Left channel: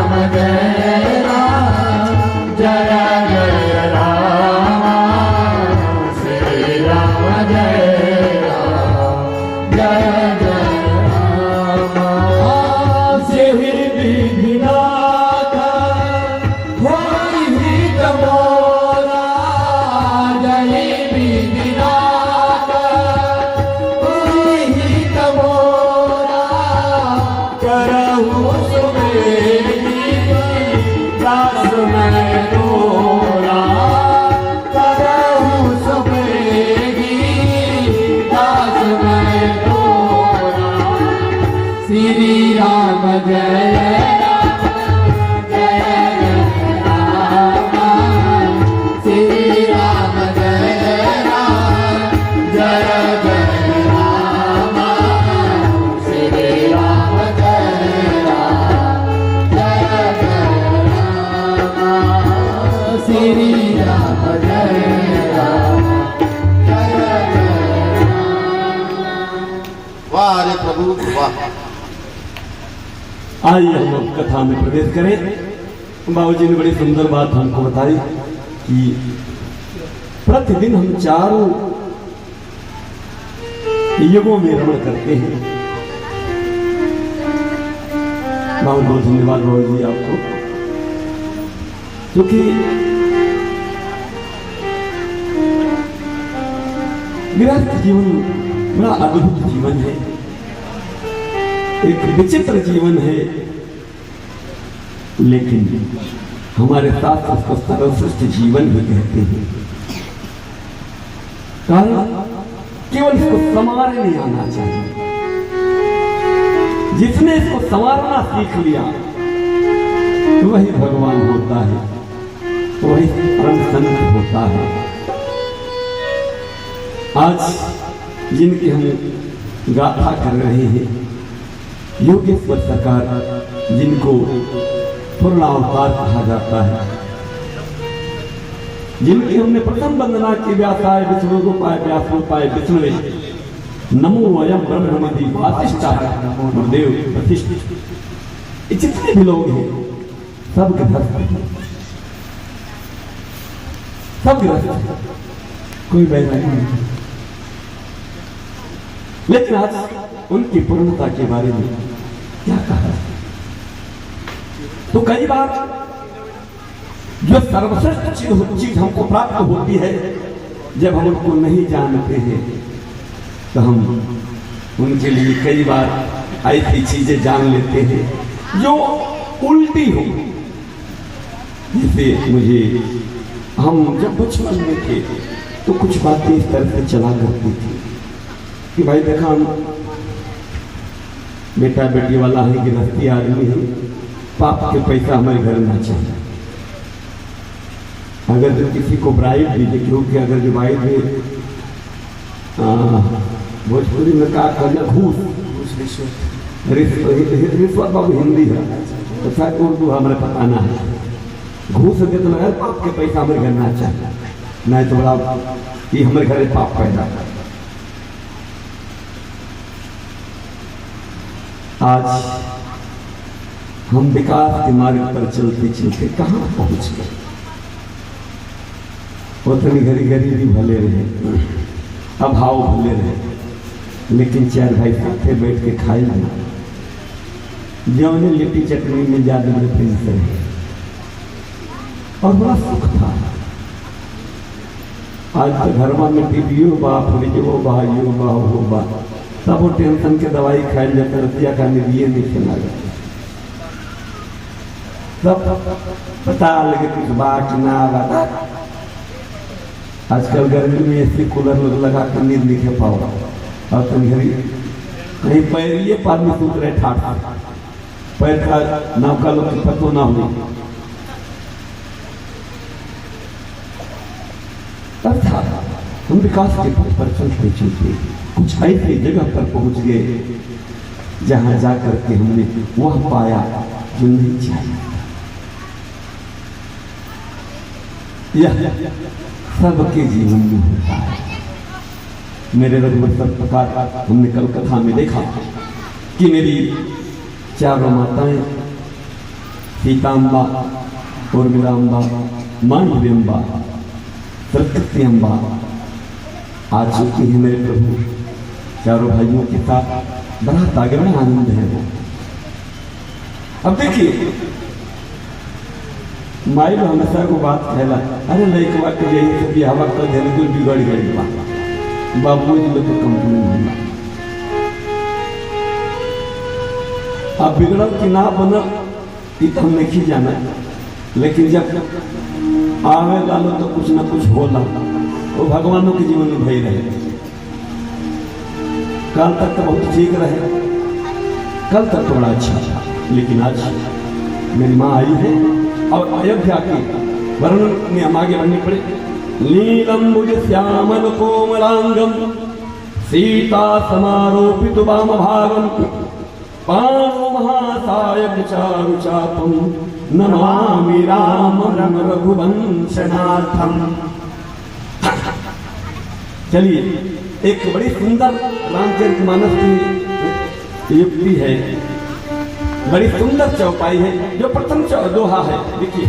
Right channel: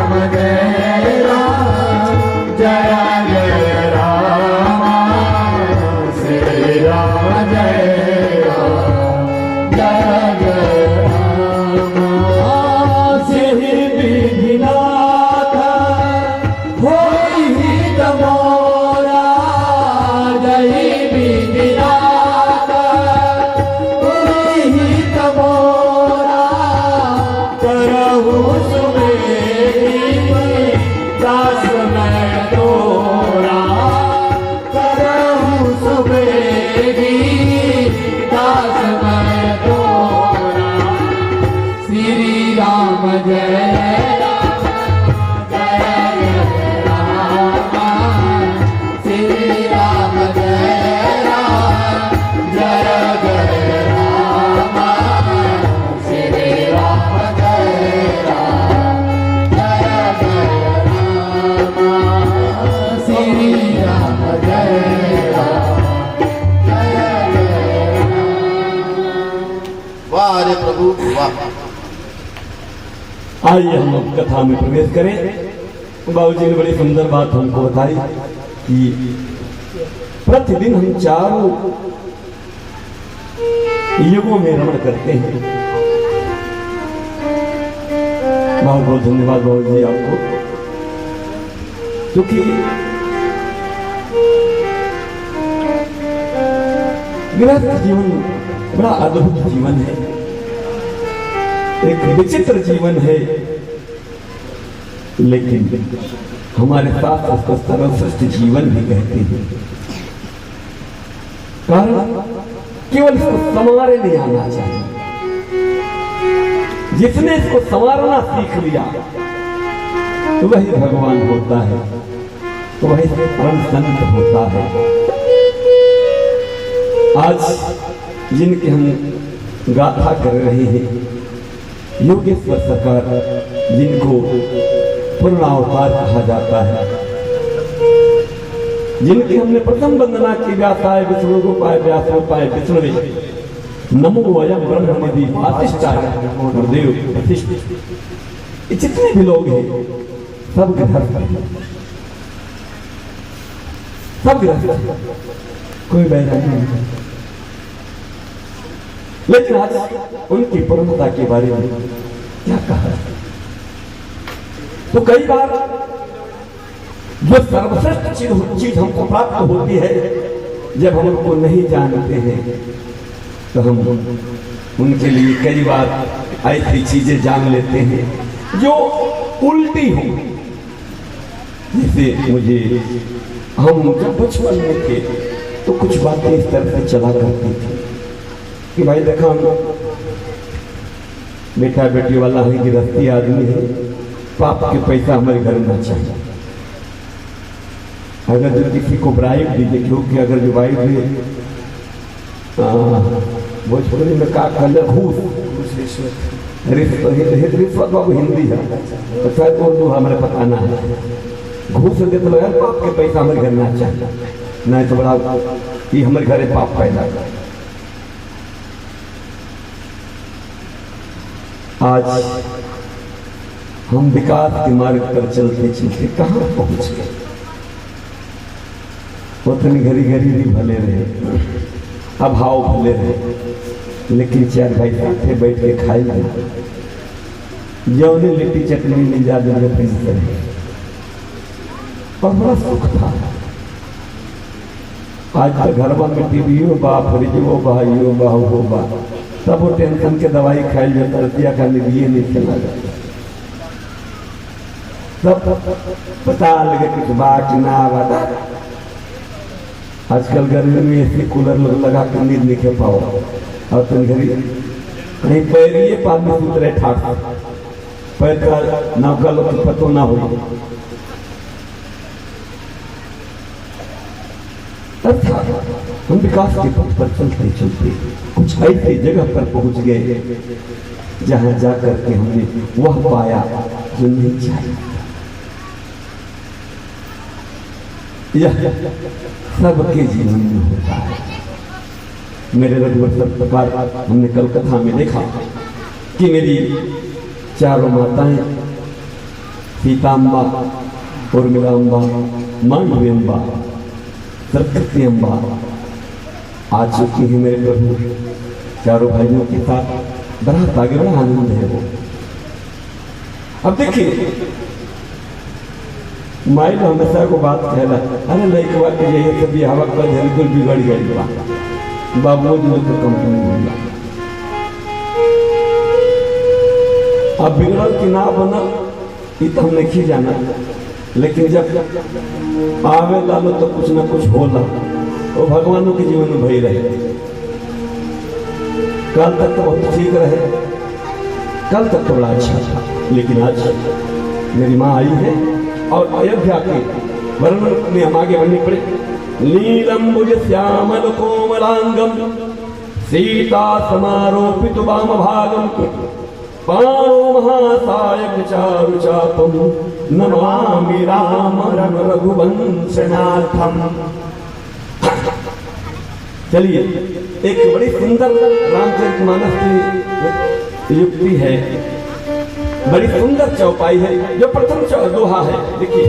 राम जय राम जय जय राम श्री राम जय राम जय जय राम श्री विधिनाथ होई हित मोरा जय विधिनाथ होई हित मोरा करहु सुमेरी दास मैं तोरा करहु सुमेरी दास मैं तोरा श्री राम जय राम जय राम श्री राम जय राम जय जय राम श्री राम जय राम जय जय राम श्री राम जय राम जय जय राम। वाह अरे प्रभु वाह। आइए हम अब कथा में प्रवेश करें। बाबूजी ने बड़ी सुंदर बात हमको बताई कि प्रतिदिन हम चारों युगों में रमण करते हैं। बहुत बहुत धन्यवाद बाबूजी आपको, क्योंकि गृहस्थ जीवन बड़ा अद्भुत जीवन है, एक विचित्र जीवन है, लेकिन हमारे साथ उसको सर्वश्रेष्ठ जीवन भी कहते हैं। कारण केवल इसको संवारने आना चाहिए। जिसने इसको संवारना सीख लिया वही भगवान होता है, वही परम संत होता है। आज जिनकी हम गाथा कर रहे हैं, योगेश्वर सरकार, जिनको पूर्णावतार कहा जाता है, जिनकी हमने प्रथम वंदना की, व्यासाय विष्णु रूपाय व्यास रूपाय विष्णुवे नमो वयम ब्रह्म निधि वासिष्ठाय गुरुदेव प्रतिष्ठित। ये जितने भी लोग हैं सब गृहस्थ, सब गृहस्थ, कोई वैसा नहीं। लेकिन आज उनकी पूर्णता के बारे में क्या कहा? तो कई बार जो सर्वश्रेष्ठ चीज हमको प्राप्त होती है, जब हम उनको नहीं जानते हैं तो हम उनके लिए कई बार ऐसी चीजें जान लेते हैं जो उल्टी हो। जैसे मुझे, हम जब बचपन में थे तो कुछ बातें इस तरह से चला करती थी कि भाई देखा, हम बेटा बेटी वाला है, गृहस्थी आदमी है, पाप के पैसा हमारे घर में चाहिए। अगर जो किसी को ब्राइड दीजिए, क्योंकि अगर जो ब्राइड में भोजपुरी में का कहते घूस, रिश्वत बाबू हिंदी है, तो शायद उर्दू हमारे पता ना है। घूस दे तो लगा पाप के पैसा हमारे घर में चाहिए, नहीं तो बड़ा ये हमारे घर में पाप पैदा कर। आज हम विकास के मार्ग पर चलते चलते कहां पहुंच गए। उतनी घड़ी गरीबी भले रहे, अभाव भले रहे, लेकिन चार भाई साथे बैठ के खाई जाए, जो उन्हें लिट्टी चटनी मिल जाती है और बड़ा सुख था। आज तो घर में टीवीओ बा, फ्रिजो बा, यो बा, हो बा, सब वो टेंशन के दवाई खाई जाता, रुपया का निधिए नहीं चला जाता। सब पता लगे कुछ बात ना बता। आजकल गर्मी में ऐसी कूलर लगा कर नींद नहीं खे पाओ, और तुम घरी कहीं पैरिए पानी सूत रहे ठाक, पैर का नौका लोग पतो ना हो। हम विकास के पथ पर चलते चलते कुछ ऐसी जगह पर पहुंच गए जहां जाकर के हमने वह पाया जो नहीं चाहिए। यह सबके जीवन में होता है। मेरे रघुवर प्रकार हमने कल कथा में देखा कि मेरी चारों माताएं सीताम्बा, उर्मिलाम्बा, मांडवी अम्बा, सरस्वती अम्बा आ चुकी है मेरे प्रभु। चारों भाइयों के साथ बड़ा आगे में आनंद है। अब देखिए माई हमेशा को बात कहला, अरे लड़कवा के लिए तो बिहावा कर धैर्य तो बिगड़ गई बा बाबू जी तो कंपनी बनला। अब बिगड़ल कि ना बनल ये तो हम नहीं जाना, लेकिन जब आवे लालो तो कुछ ना कुछ होला, वो भगवानों के जीवन में भई रहे। कल तक तो बहुत ठीक रहे, कल तक तो बड़ा अच्छा था, लेकिन आज मेरी माँ आई है और अयोध्या के वर्णन में हम आगे बढ़ने पड़े। नीलम्बुज श्यामल कोमलांगम सीता समारोपित वाम भागम पाणो महासायक चारु चापम नमामि रामं रघुवंशनाथम। चलिए एक बड़ी सुंदर रामचरितमानस की युक्ति है, बड़ी सुंदर चौपाई है। जो प्रथम दोहा है देखिए,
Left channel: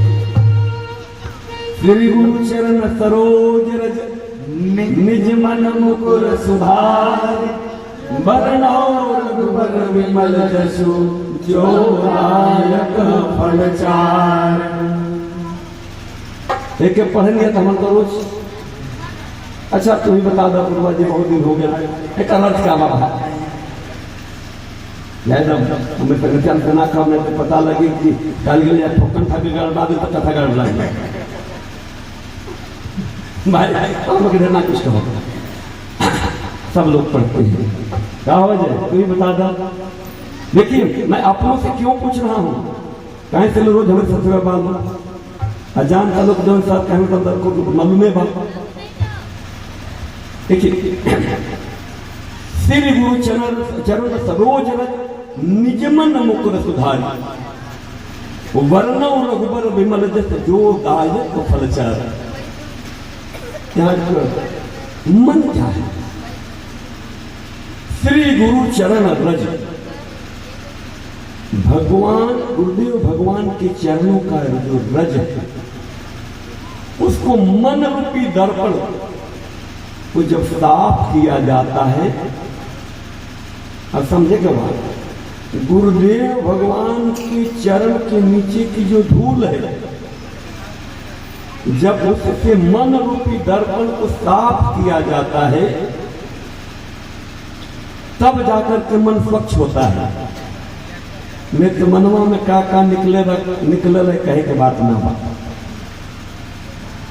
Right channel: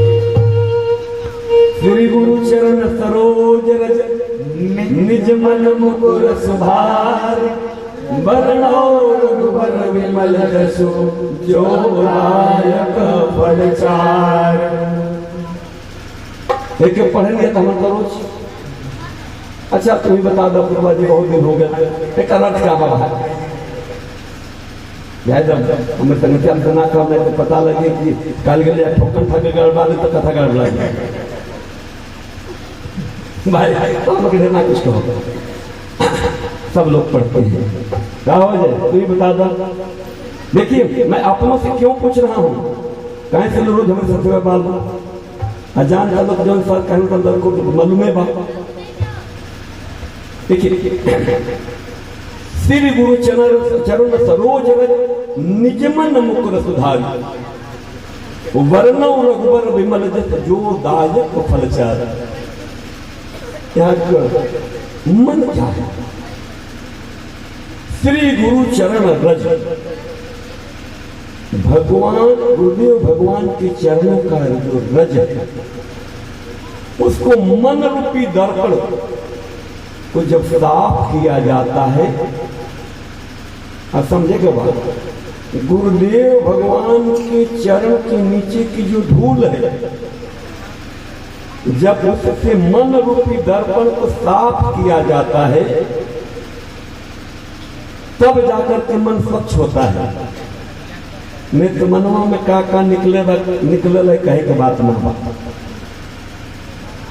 श्री गुरु चरण सरोज रज निज मन मुकुर सुधार बरनौ रघुबर विमल जसु जो दायक फल चार। एक पढ़ेंगे तो हम रोज। अच्छा तुम ही बता दो पूर्वा जी, बहुत दिन हो गया एक अलग क्या बाबा जब हमें संगठन अंतना का मैं तो पता लगे कि काल गए ठोकर था गड़बड़ा तो कथा गड़बड़ा भाई तो हम किधर ना कुछ कहो, सब लोग पढ़ते हैं। क्या हो जाए तू ही बता दो। देखिए मैं अपनों से क्यों पूछ रहा हूँ, कहीं से रोज हमें सत्य बात अजान का लोग जौन साथ कहने को अंदर को मालूम है बात। देखिए श्री गुरु चरण सरोज रज निजमन मुकुर सुधारी वर्णौ रघुबर विमल जस जो दायक फलचार। यहाँ मन क्या है? श्री गुरु चरण रज, भगवान गुरुदेव भगवान के चरणों का जो रज है उसको मन रूपी दर्पण को जब साफ किया जाता है, समझेगा बात, गुरुदेव भगवान के चरण के नीचे की जो धूल है जब उससे मन रूपी दर्पण को साफ किया जाता है तब जाकर के मन स्वच्छ होता है। नित्य मनवा में का निकले है कहे के बात ना बात।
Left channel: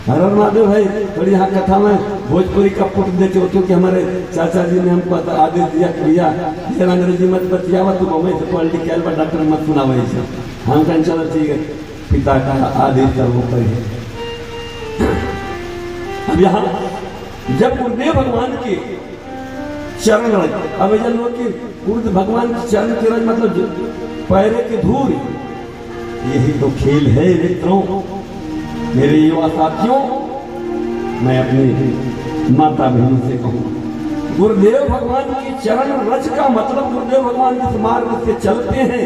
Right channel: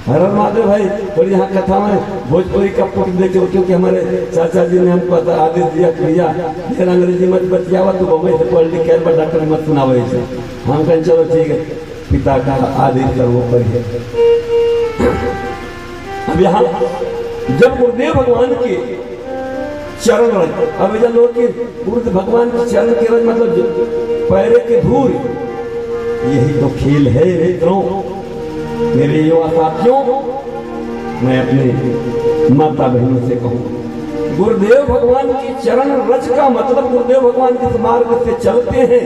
हर महादेव भाई थोड़ी यहाँ कथा में भोजपुरी का पुट देते हो, क्योंकि हमारे चाचा जी ने हमको आदेश दिया भैया अंग्रेजी मत बतियावा तो बम्बई से पढ़ लिख पर डॉक्टर मत सुनावे से। हम कहें चलो ठीक है, पिता का आदेश सर्वोपरि है। अब यहाँ जब गुरुदेव भगवान के चरण रज, अब ऐसा लोग कि गुरु भगवान के चरण के रज मतलब पैरे के धूल, यही तो खेल है मित्रों। मेरे युवा साथियों, मैं अपने माता बहनों से कहूँ, गुरुदेव भगवान की चरण रज का मतलब गुरुदेव भगवान जिस मार्ग से चलते हैं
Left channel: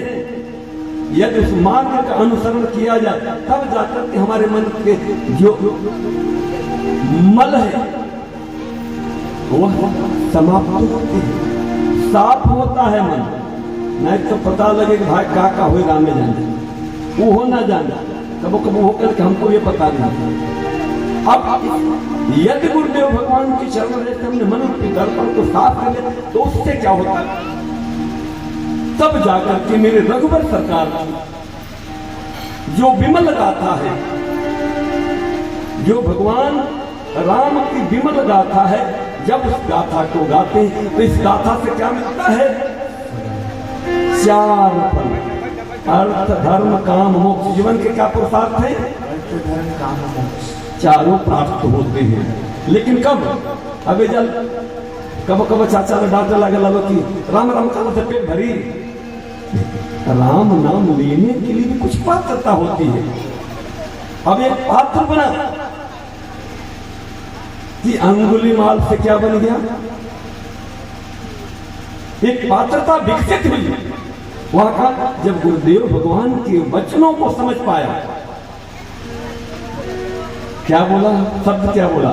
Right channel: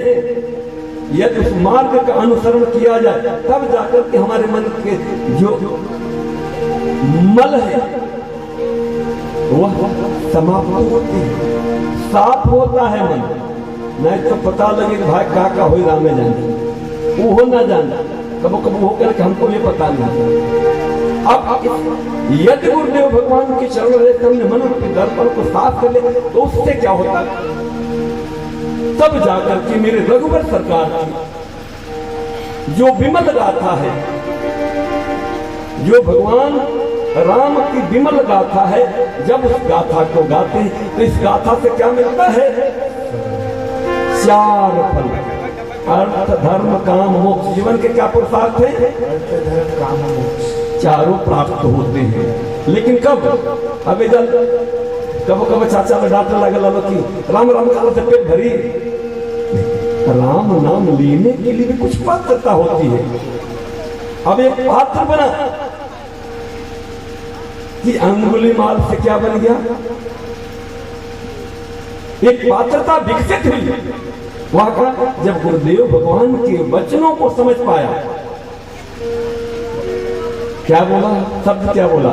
यदि उस मार्ग का अनुसरण किया जाए तब जाकर के हमारे मन के जो मल है वह समाप्त होती है, साफ होता है मन। नहीं तो पता लगे कि भाई का हो रामे जाने वो हो ना जाना, कबो कबो होकर हमको ये पता नहीं। अब यदि गुरुदेव भगवान के चरण रेत में मन के दर्पण को साफ कर ले तो उससे क्या होता है, तब जाकर के मेरे रघुबर सरकार जो विमल गाथा है, जो भगवान राम की विमल गाथा है, जब उस गाथा को गाते हैं तो इस गाथा से क्या मिलता है? चार फल, अर्थ धर्म काम मोक्ष। जीवन के क्या पुरुषार्थ है? अर्थ धर्म काम मोक्ष, चारों प्राप्त होते हैं। लेकिन कब? अबे जल कब कब चाचा में डांटने लगे लगा कि राम राम का से पेट भरी। राम नाम लेने के लिए भी कुछ पात्रता होती है। अब एक पात्र बना कि अंगुलीमाल से क्या बन गया? एक पात्रता विकसित हुई, वहां का जब गुरुदेव भगवान के वचनों को समझ पाया, क्या बोला, शब्द क्या बोला,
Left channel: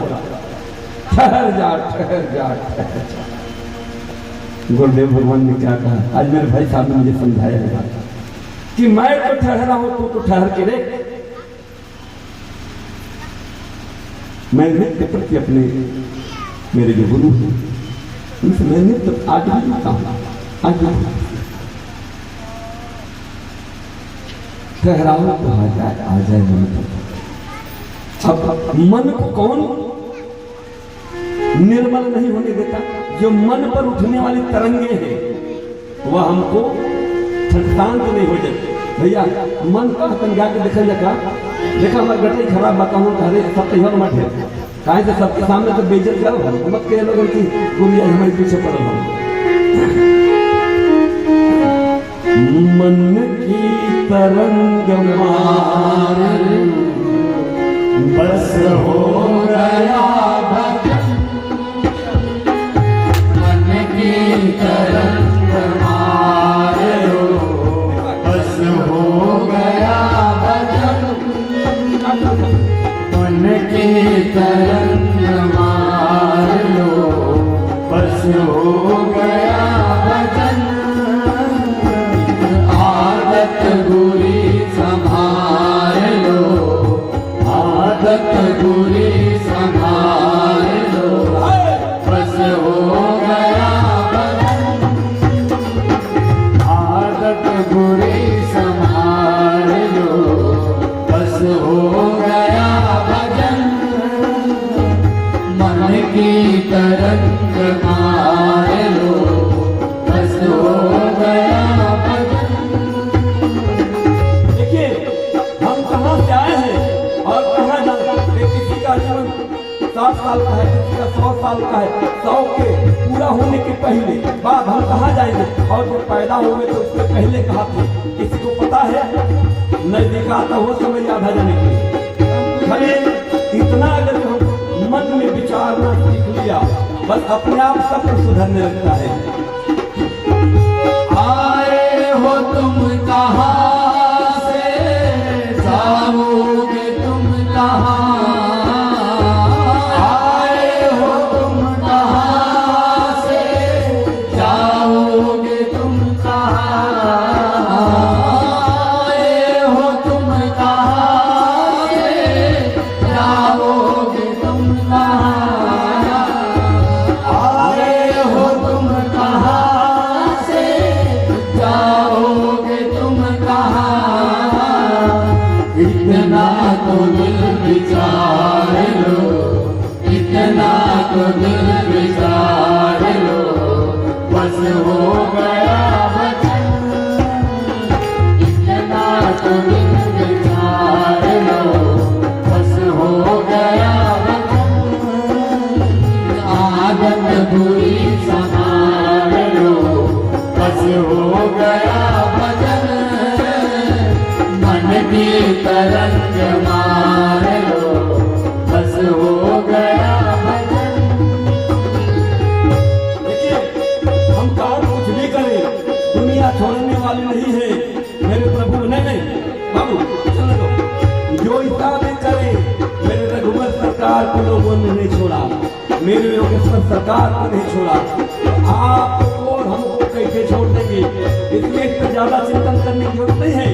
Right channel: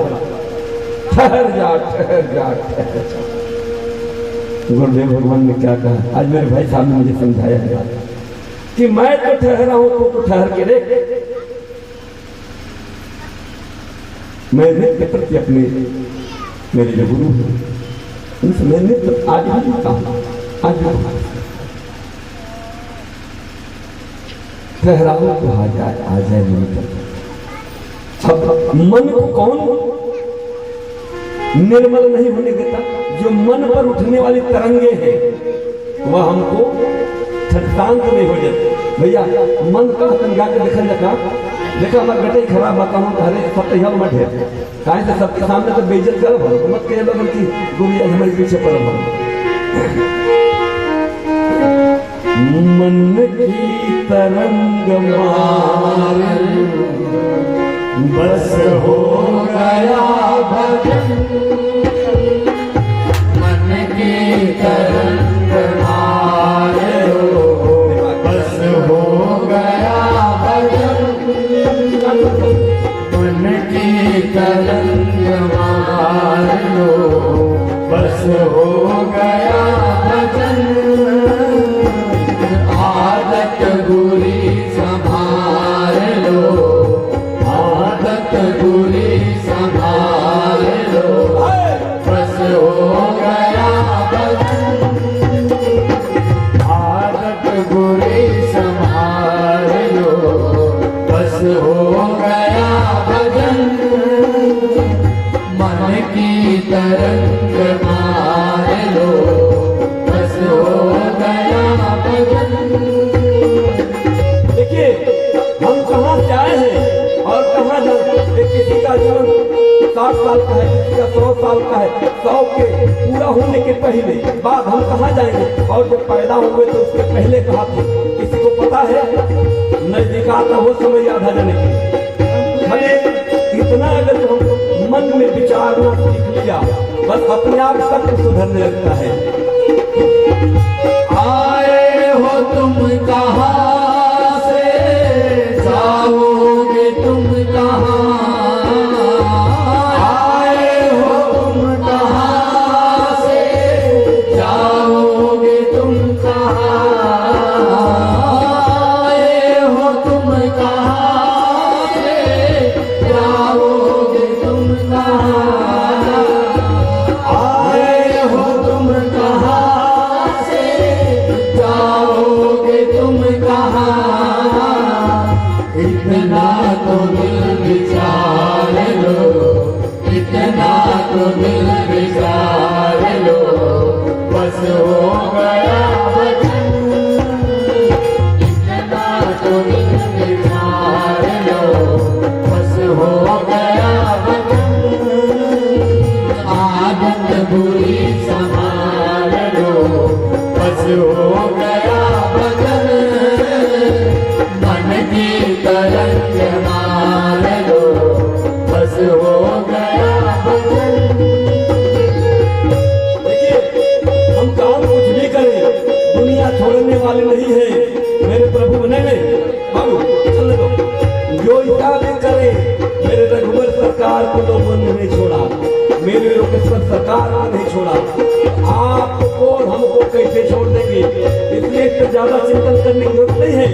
ठहर जा ठहर जा ठहर जा। गुरुदेव भगवान ने क्या कहा, आज मेरे भाई साहब ने मुझे समझाया है कि मैं तो ठहरा हूं, तो ठहर के देख। मैं नित्य प्रति अपने मेरे जो गुरु हैं उनसे मैं नित्य आज भी जुड़ता हूं, आज भी ठहराव कहा जाए, आ जाए नहीं तो। अब मन को कौन निर्मल नहीं होने देता? जो मन पर उठने वाली तरंगे हैं वह हमको शांत नहीं हो जाते। भैया मन का तंगा के देखा देखा हमारे बेटे खराब बताऊं हरे सब तैयार मत है कहीं तो सबके सामने तो बेइज्जत करो मत कह लोगों की गुरु हमारे पीछे पड़ल मन की तरंग मार बस हो गया भजन, मन की तरंग मार बस हो गया भजन, मन की तरंग मार लो बस हो गया भजन, आदत बुरी संभाल लो, आदत बुरी संभाल लो बस हो गया भजन, आदत बुरी संभाल लो बस हो गया भजन, मन की तरंग मार लो बस हो गया भजन। देखिए हम कहाँ से आए हैं और कहाँ जाते। किसी का जीवन 60 साल का है, किसी का 100 साल का है, 100 के पूरा होने के पहले बाद हम कहाँ जाएंगे, और जब पैदा हुए तो उसके पहले कहाँ थे, किसी को पता है? नजदीक आता हो समय याद आ जाने के लिए भले इतना अगर हम मन में विचारना सीख लिया बस अपने आप सब कुछ सुधरने लगता है। आए हो तुम कहाँ से, जाओगे तुम कहाँ, आए हो तुम कहाँ से, जाओगे तुम कहाँ, आए हो तुम कहाँ से, जाओगे तुम कहाँ, आए हो तुम कहाँ से, जाओगे तुम कहाँ, इतना तो दिल विचार लो, इतना तो दिल विचार लो बस हो गया वचन, इतना तो दिल विचार लो बस हो गया वचन, आदत बुरी संभाल लो बस हो गया भजन, मन की तरंग मार लो बस हो गया भजन। देखिए हम काम कुछ भी करें दुनिया छोड़ने वाली नहीं है। मेरे प्रभु ने बाबू सुन लो, जो हिसाब करे मेरे रघुवर सरकार को लोगों ने नहीं छोड़ा, मेरे योगेश्वर सरकार को नहीं छोड़ा, आपको और हमको कैसे छोड़ देंगे, इसलिए तो ज्यादा चिंतन करने की जरूरत नहीं है।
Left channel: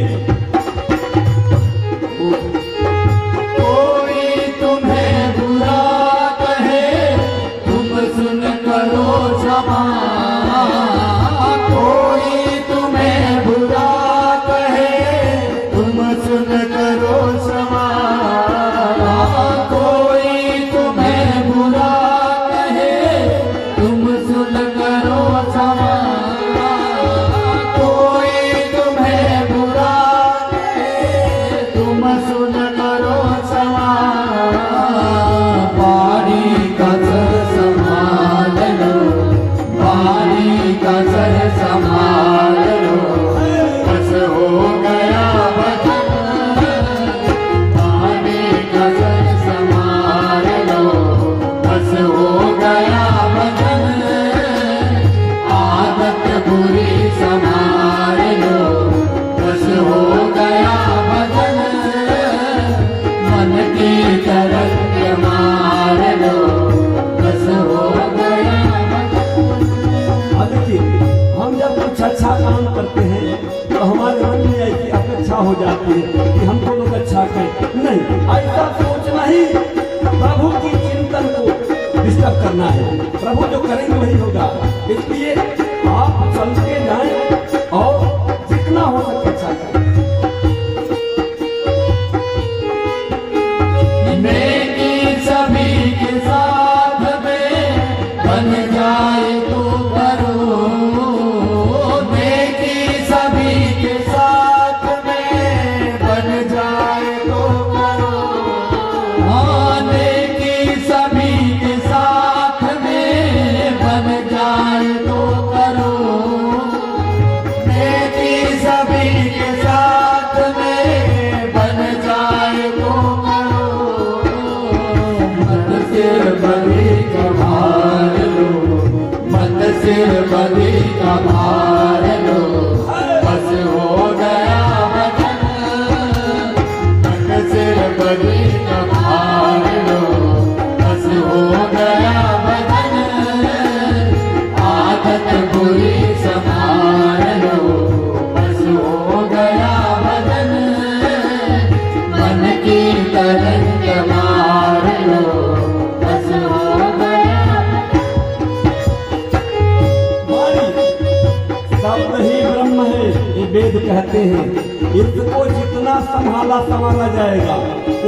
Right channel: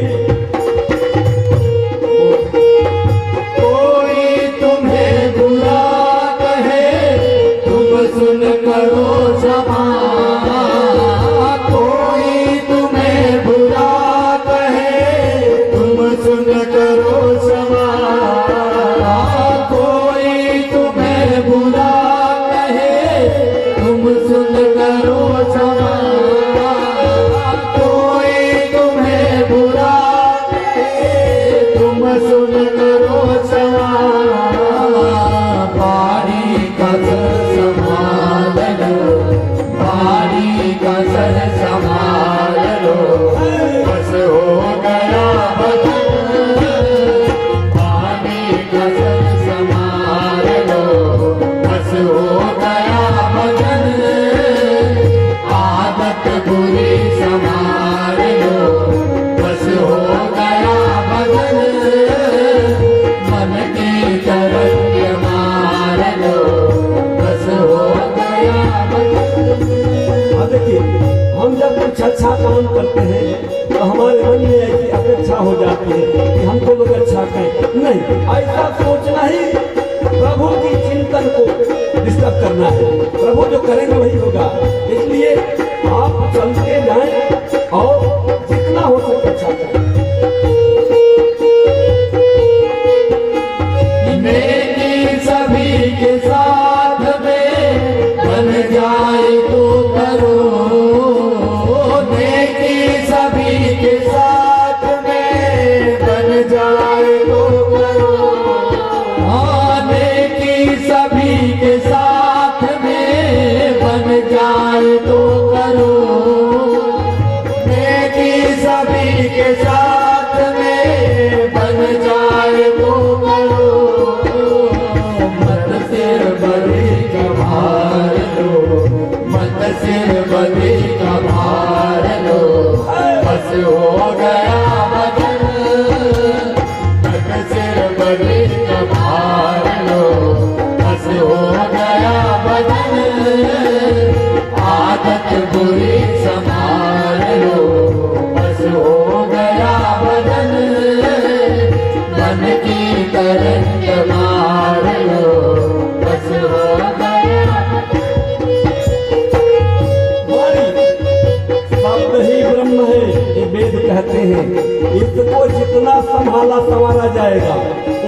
संभाला संवारा जाएगा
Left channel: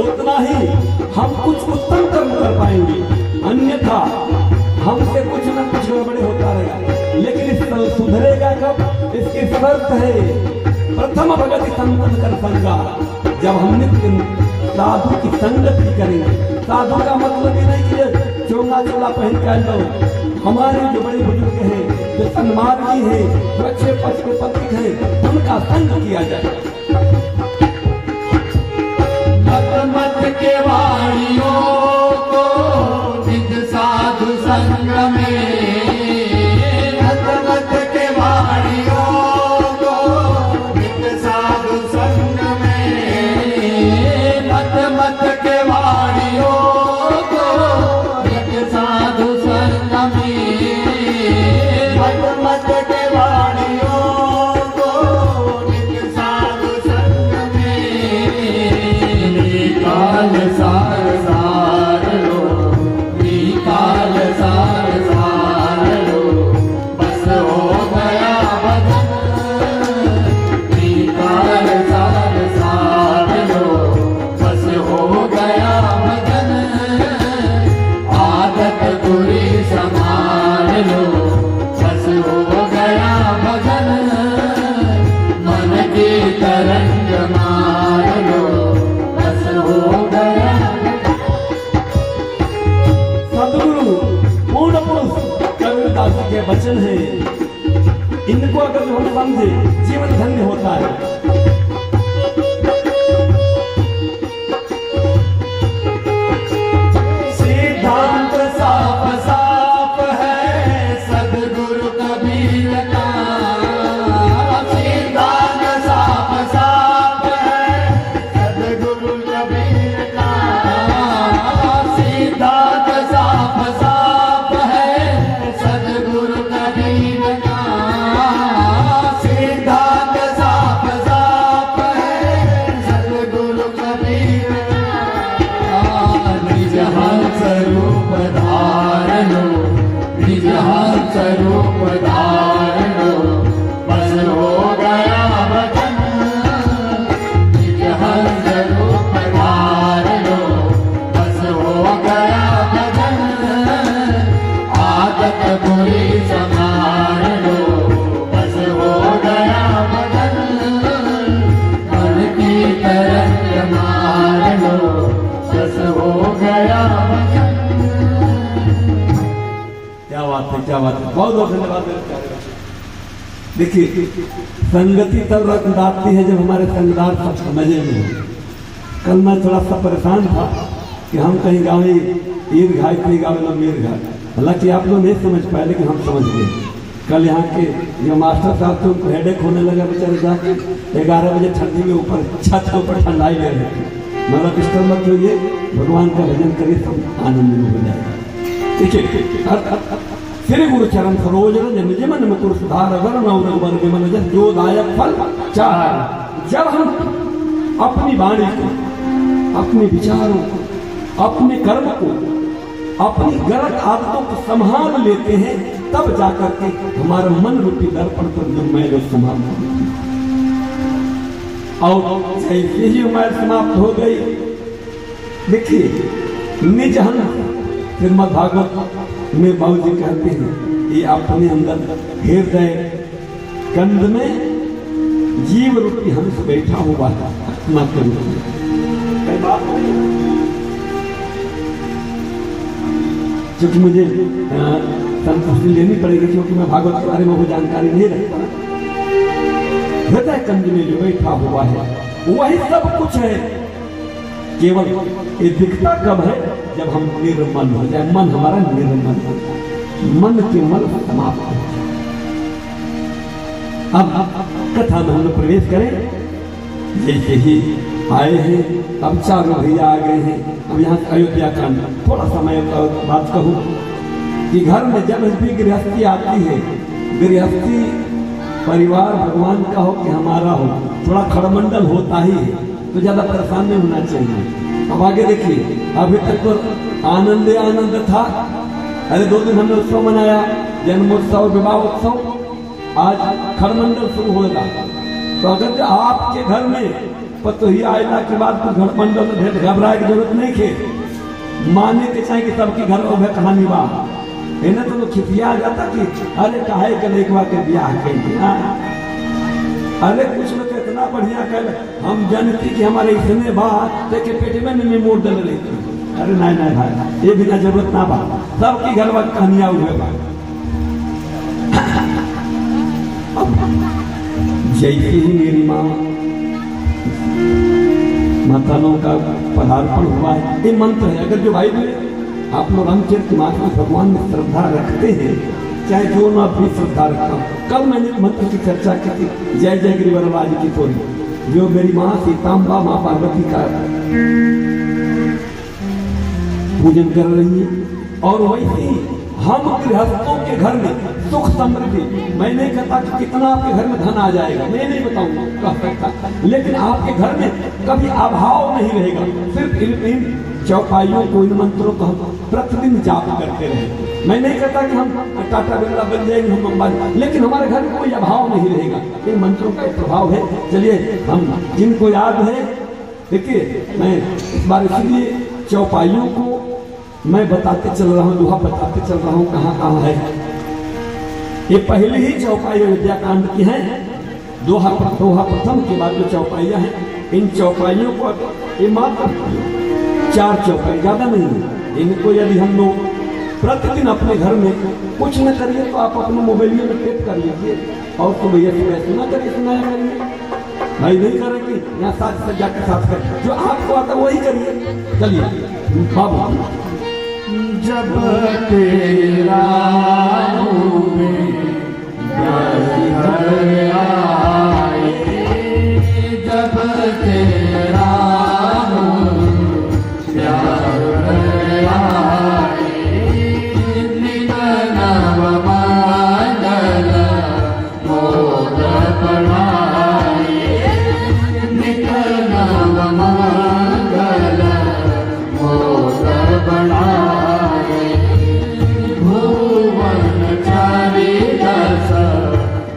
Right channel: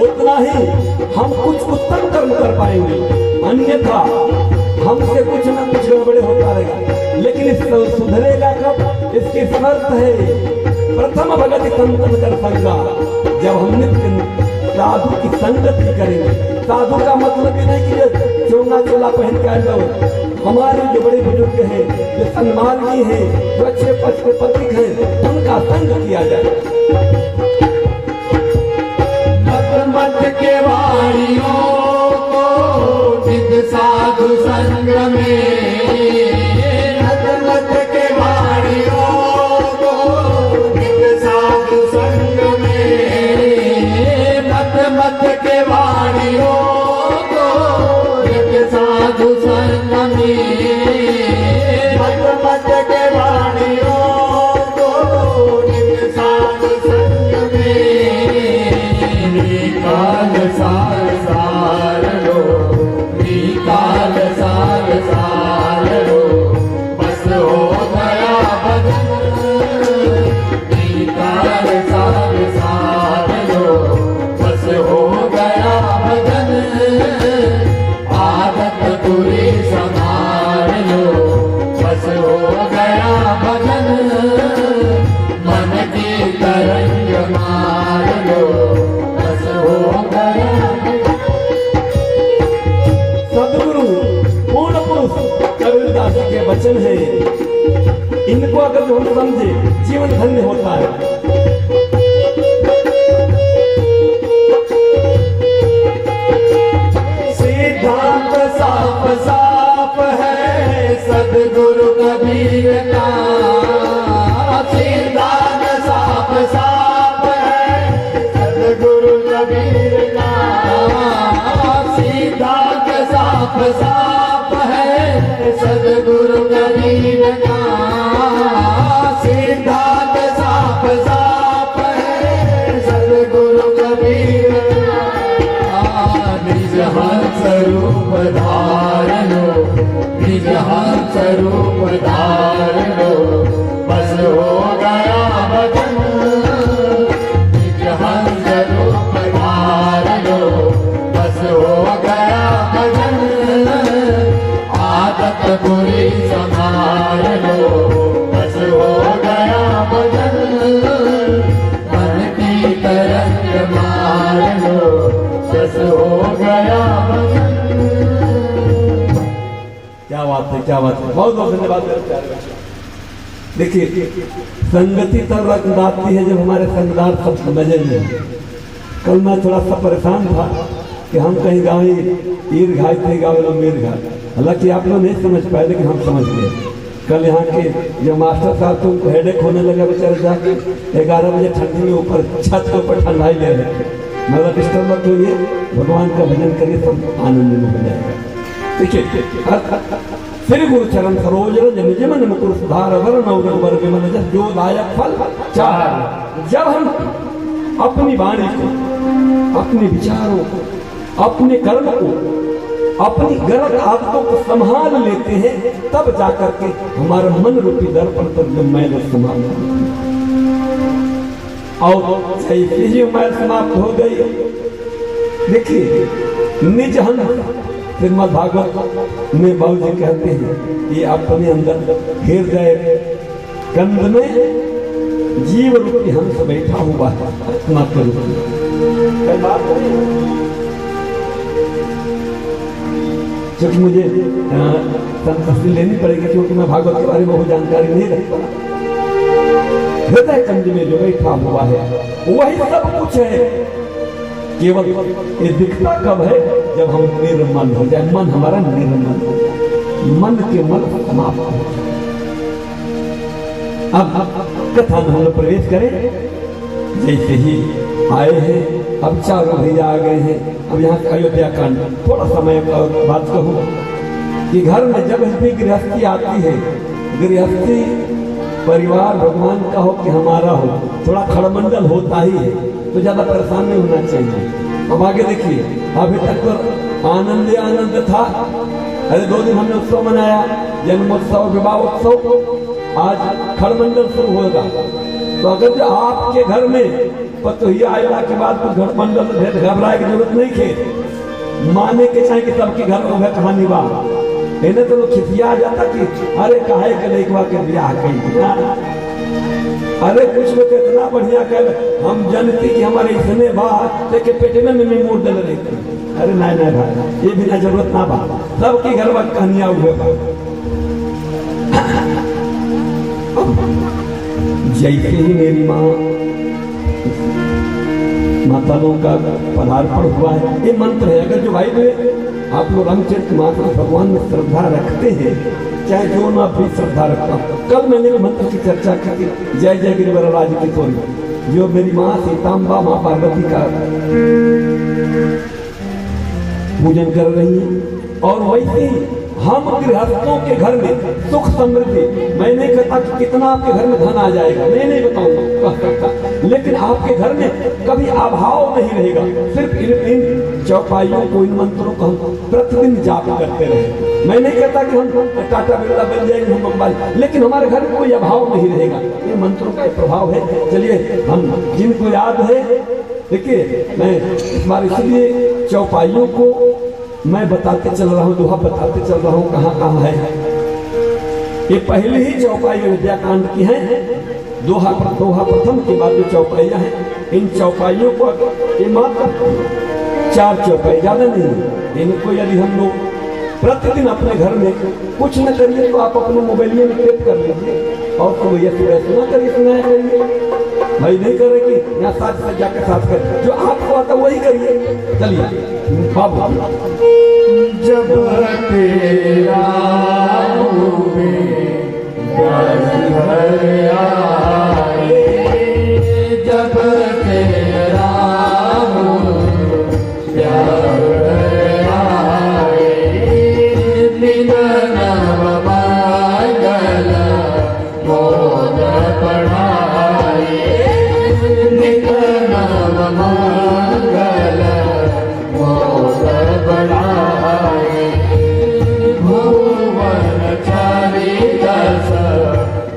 उतना ही हम कुछ उत्तम कर्म कर पाएंगे, अन्यथा हमसे कुछ न कुछ गड़बड़े होता रहेगा। लेकिन इस सुधरेगा कब? इसकी शर्त है प्रथम भगत संतन कर संगा। जब हम नित्य साधु की संगति करेंगे, साधु का मतलब ये नहीं कि चोंगा चोला पहन के आ जाओ। हमारे जो बड़े बुजुर्ग हैं, जो सन्मार्गी हैं, जो अच्छे पथिक हैं, उनका संग किया जाए। मत मत के वाणियों को नित साधु संग में, मत मत के वाणियों को नित साधु संग में, मत मत के वाणियों को नित साधु संग में, मत मत के वाणियों को नित साधु संग में। निकाल सार सार लो, निकाल सार सार लो, बस हो गया भजन। निकाल सार सार लो, बस हो गया भजन। आदत बुरी संभाल लो, बस हो गया भजन। मन की तरंग मार लो, बस हो गया। सदगुरु पूर्ण पुरुष कबीरदास जी के वचन है, इनको अगर जो हम समझे जीवन धन्य होता है। सिद्धांत साफ साफ है सदगुरु कबीर का, सिद्धांत साफ साफ है सदगुरु कबीर का, सिद्धांत साफ साफ है सदगुरु कबीर का, सिद्धांत साफ साफ है सदगुरु कबीर का। निज हंस रूप धारण लो, निज हंस रूप धारण लो, बस हो गया भजन। निज हंस रूप धारण लो, बस हो गया भजन। आदत बुरी संभाल लो, बस हो गया भजन। मन की तरंग मार लो, बस हो गया भजन। क्या बात है, क्या बात है, बहुत बहुत धन्यवाद मेरे प्यारे बच्चे। देखिए, संगति तब आती है जब हमारे संगदार सब बदल। कल मैं थोड़ा सा परेशान था कि हम कहीं गाँव ईर घाट कहीं गाँव में मीर घाट, हालांकि आप लोग नहीं समझ पाए लेकिन हम समझ गए। कल यहाँ के जो मास्टर साहब थे उनको हेडेक होने लगा, बेचारे जाके 11 बजे ठंडी में ऊपर छत के ऊपर ठंडाई ले रहे थे। मतलब डिस्टर्ब मत होइए, भगवान का भजन करिए, सब आनंद में हो जाएगा। ठीक है, फिर गुरु चरण सरोज रंज निज मन मुकुर सुधार वरण और रघुबर विमल जस जो दायक फल चाह। जब हम अपनी वाणी को, अपने विचारों को, अपने कर्म को, अपनी गलत आदतों को संभाल लेते हैं, तब जाकर के हमारा मन रूपी दर्पण पर जो मैल समाप्त होती है। और जैसे ही मैल समाप्त हो गई, देखिए निज हंस, श्रीमद् भागवत में बाबू जी कहते हैं ये अपने अंदर हृदय कंद में जीव रूपी हंस बैठा हुआ है, आत्मा के रूप में। कई बात नहीं, क्योंकि मुझे तस्वीर लेनी पड़ेगी, क्योंकि मैं भागवत के बारे में वो जानकारी नहीं रखता। हृदय कंद में जो बैठा हुआ है वही सब कुछ है। केवल ये दिखता कब है? जब हम निर्मल हो जाए, मन हमारा निर्मल हो जाए, मन के मल समाप्त हो जाए। अब कथा में हम लोग प्रवेश करें। जैसे ही आए हैं, अब चारों भैया आ गए हैं। अब यहाँ अयोध्या कांड थोड़ा समय का बात कहूँ कि घर में जब भी गृहस्थी आती है, गृहस्थी परिवार भगवान का हो कि हमारा हो, थोड़ा खड़मंडल होता ही है, तो ज्यादा परेशान नहीं होना चाहिए। अब आगे देखिए, अभी तक तो आनंद ही आनंद था। अरे 2 दिन हमने उत्सव मनाया, जन्मोत्सव, विवाह उत्सव, आज खड़मंडल शुरू होगा। तो अगर जो आपके घर में पतोही आयला के बाद तो घर मंडल ढेर घबराए की जरूरत नहीं थे, माने के चाहिए कि सबके घर में वह कहानी बा। इन्हें तो खिसिया जाता कि अरे काहे करे एक बार के ब्याह कर दिया, अरे कुछ में तो इतना बढ़िया कर हम जानती कि हमारे इतने बात के पेट में नहीं मोड़ दे रही थी। अरे नहीं नहीं भाई ये बिना जरूरत ना बा, सबकी घर बात कहानियां हुए बा। जैसे ही मेरी माँ माताओं का पदार्पण हुआ है, ये मंत्र है। अगर जो भाई में आप लोग रामचरित मानस भगवान में श्रद्धा रखते हैं, चाहे जो ना भी श्रद्धा रखता हूँ, कल मैंने मंत्र की चर्चा की थी, जय जय गिरिवरराज की तोरी, जो मेरी माँ सीताम्बा माँ पार्वती का पूजन कर रही है। और वैसे ही हम गृहस्थों के घर में सुख समृद्धि, मैं नहीं कहता कि कितना आपके घर में धन आ जाएगा, मैं नहीं बताऊंगा कह सकता, लेकिन आपके घर में कभी अभाव नहीं रहेगा। सिर्फ इन चौपाइयों को, इन मंत्रों को हम प्रतिदिन जाप करते रहे। मैं नहीं कहता कि हम टाटा बिरला बन जाएंगे, हम अंबानी, लेकिन हमारे घर में कोई अभाव नहीं रहेगा। इन मंत्रों का प्रभाव है। चलिए हम जिनको याद है, देखिए मैं इस बार इसलिए चौपाइयों को मैं बताते चल रहा हूँ, दोहा बताते चल रहा हूँ कहाँ कहाँ है। ये पहली ही चौपाई विद्या कांड की है, दोहा प्रथम के बाद जो चौपाइयाँ हैं, इन चौपाइयों को ये मात्र 4 चौपाई, ज्यादा नहीं। इनको यदि हम लोग प्रतिदिन अपने घर में कुछ न करिए तो आप अपने मोबाइल में टेप कर लीजिए, और तो भैया सुना करिए, सुनाया करिए। भाई नहीं करेगी यहाँ साथ सज्जा के साथ कर, जो आपको आता वही करिए। चलिए जब तेरा होवे घर आए, जब तेरा हो घर आए, निगना मंगल मोर बढ़ाए, निगना मंगल मोर बढ़ाए, भुवन चारि दस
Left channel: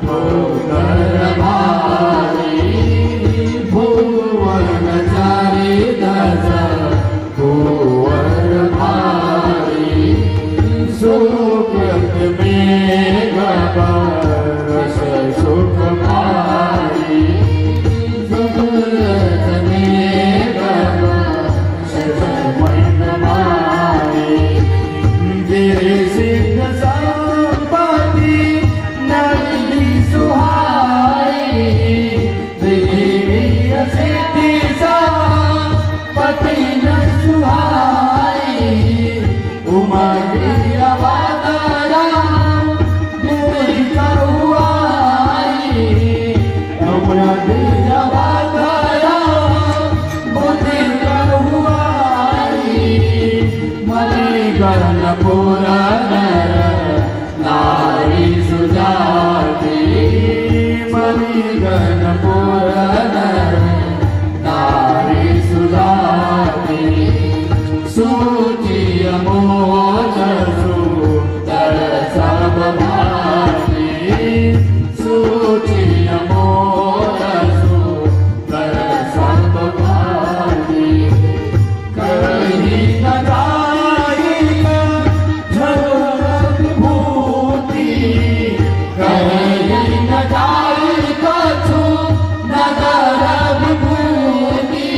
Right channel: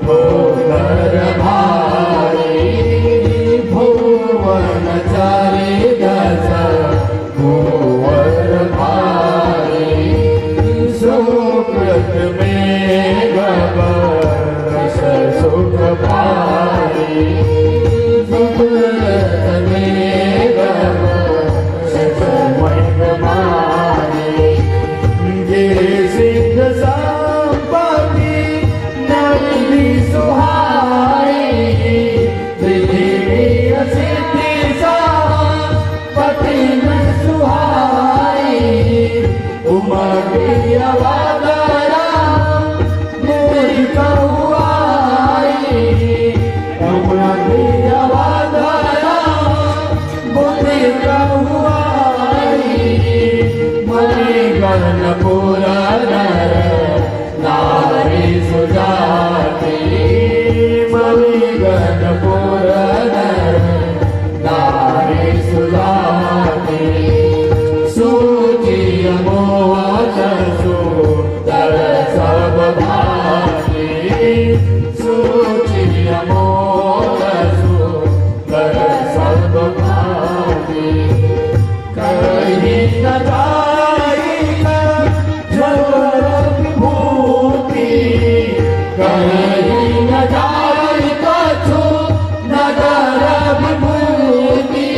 भोगर भाई, भुवन चारि दस भोगर भाई, सुकृत में वर्ष सुख भाई, सुकृत में वर्ष सुख भाई, गिरि सिद्ध संपत्ति नवनी सुहाई, देवी सिद्धि संपत्ति न सुहाई, उमरि अवतारा बुद्धि करुआई, उमरि अवतारा बुद्धि करुआई, मणि गणपुर नर नारी सुजाति, मणि गणपुर नर नारी सुजाति, सूचि अमोच सुंदर सब भांति, सूचि अमोच सुंदर सब भांति, कहीं न जाई झरोर विभूति, कहीं न जाई कछु नगर विभूति,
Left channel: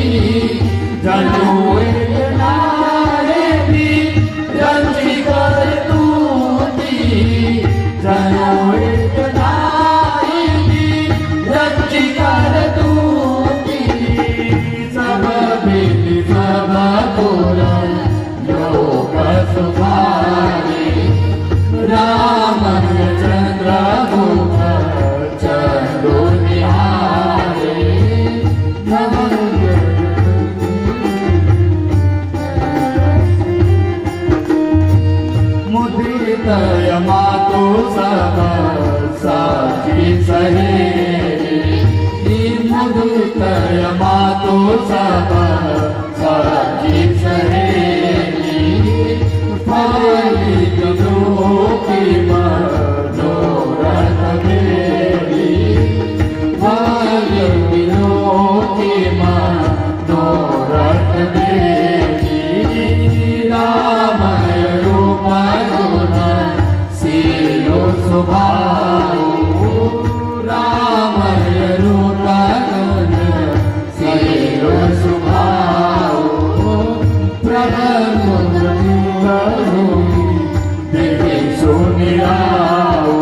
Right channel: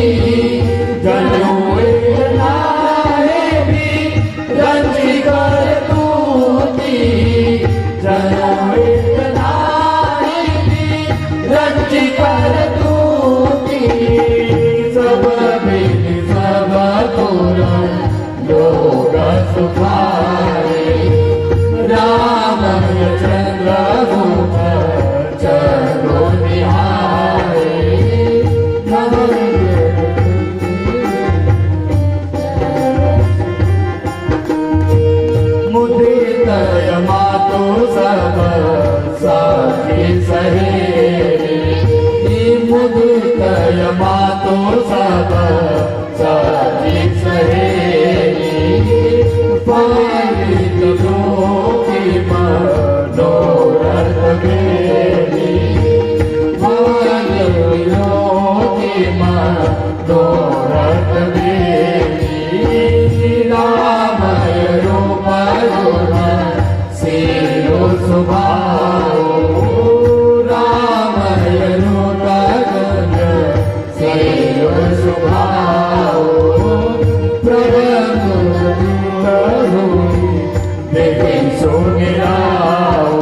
देवी राम रूप गुण सिरो सुभाओ राम रूप गुण सिरो सुभाओ प्रभु देवी सुनिराओ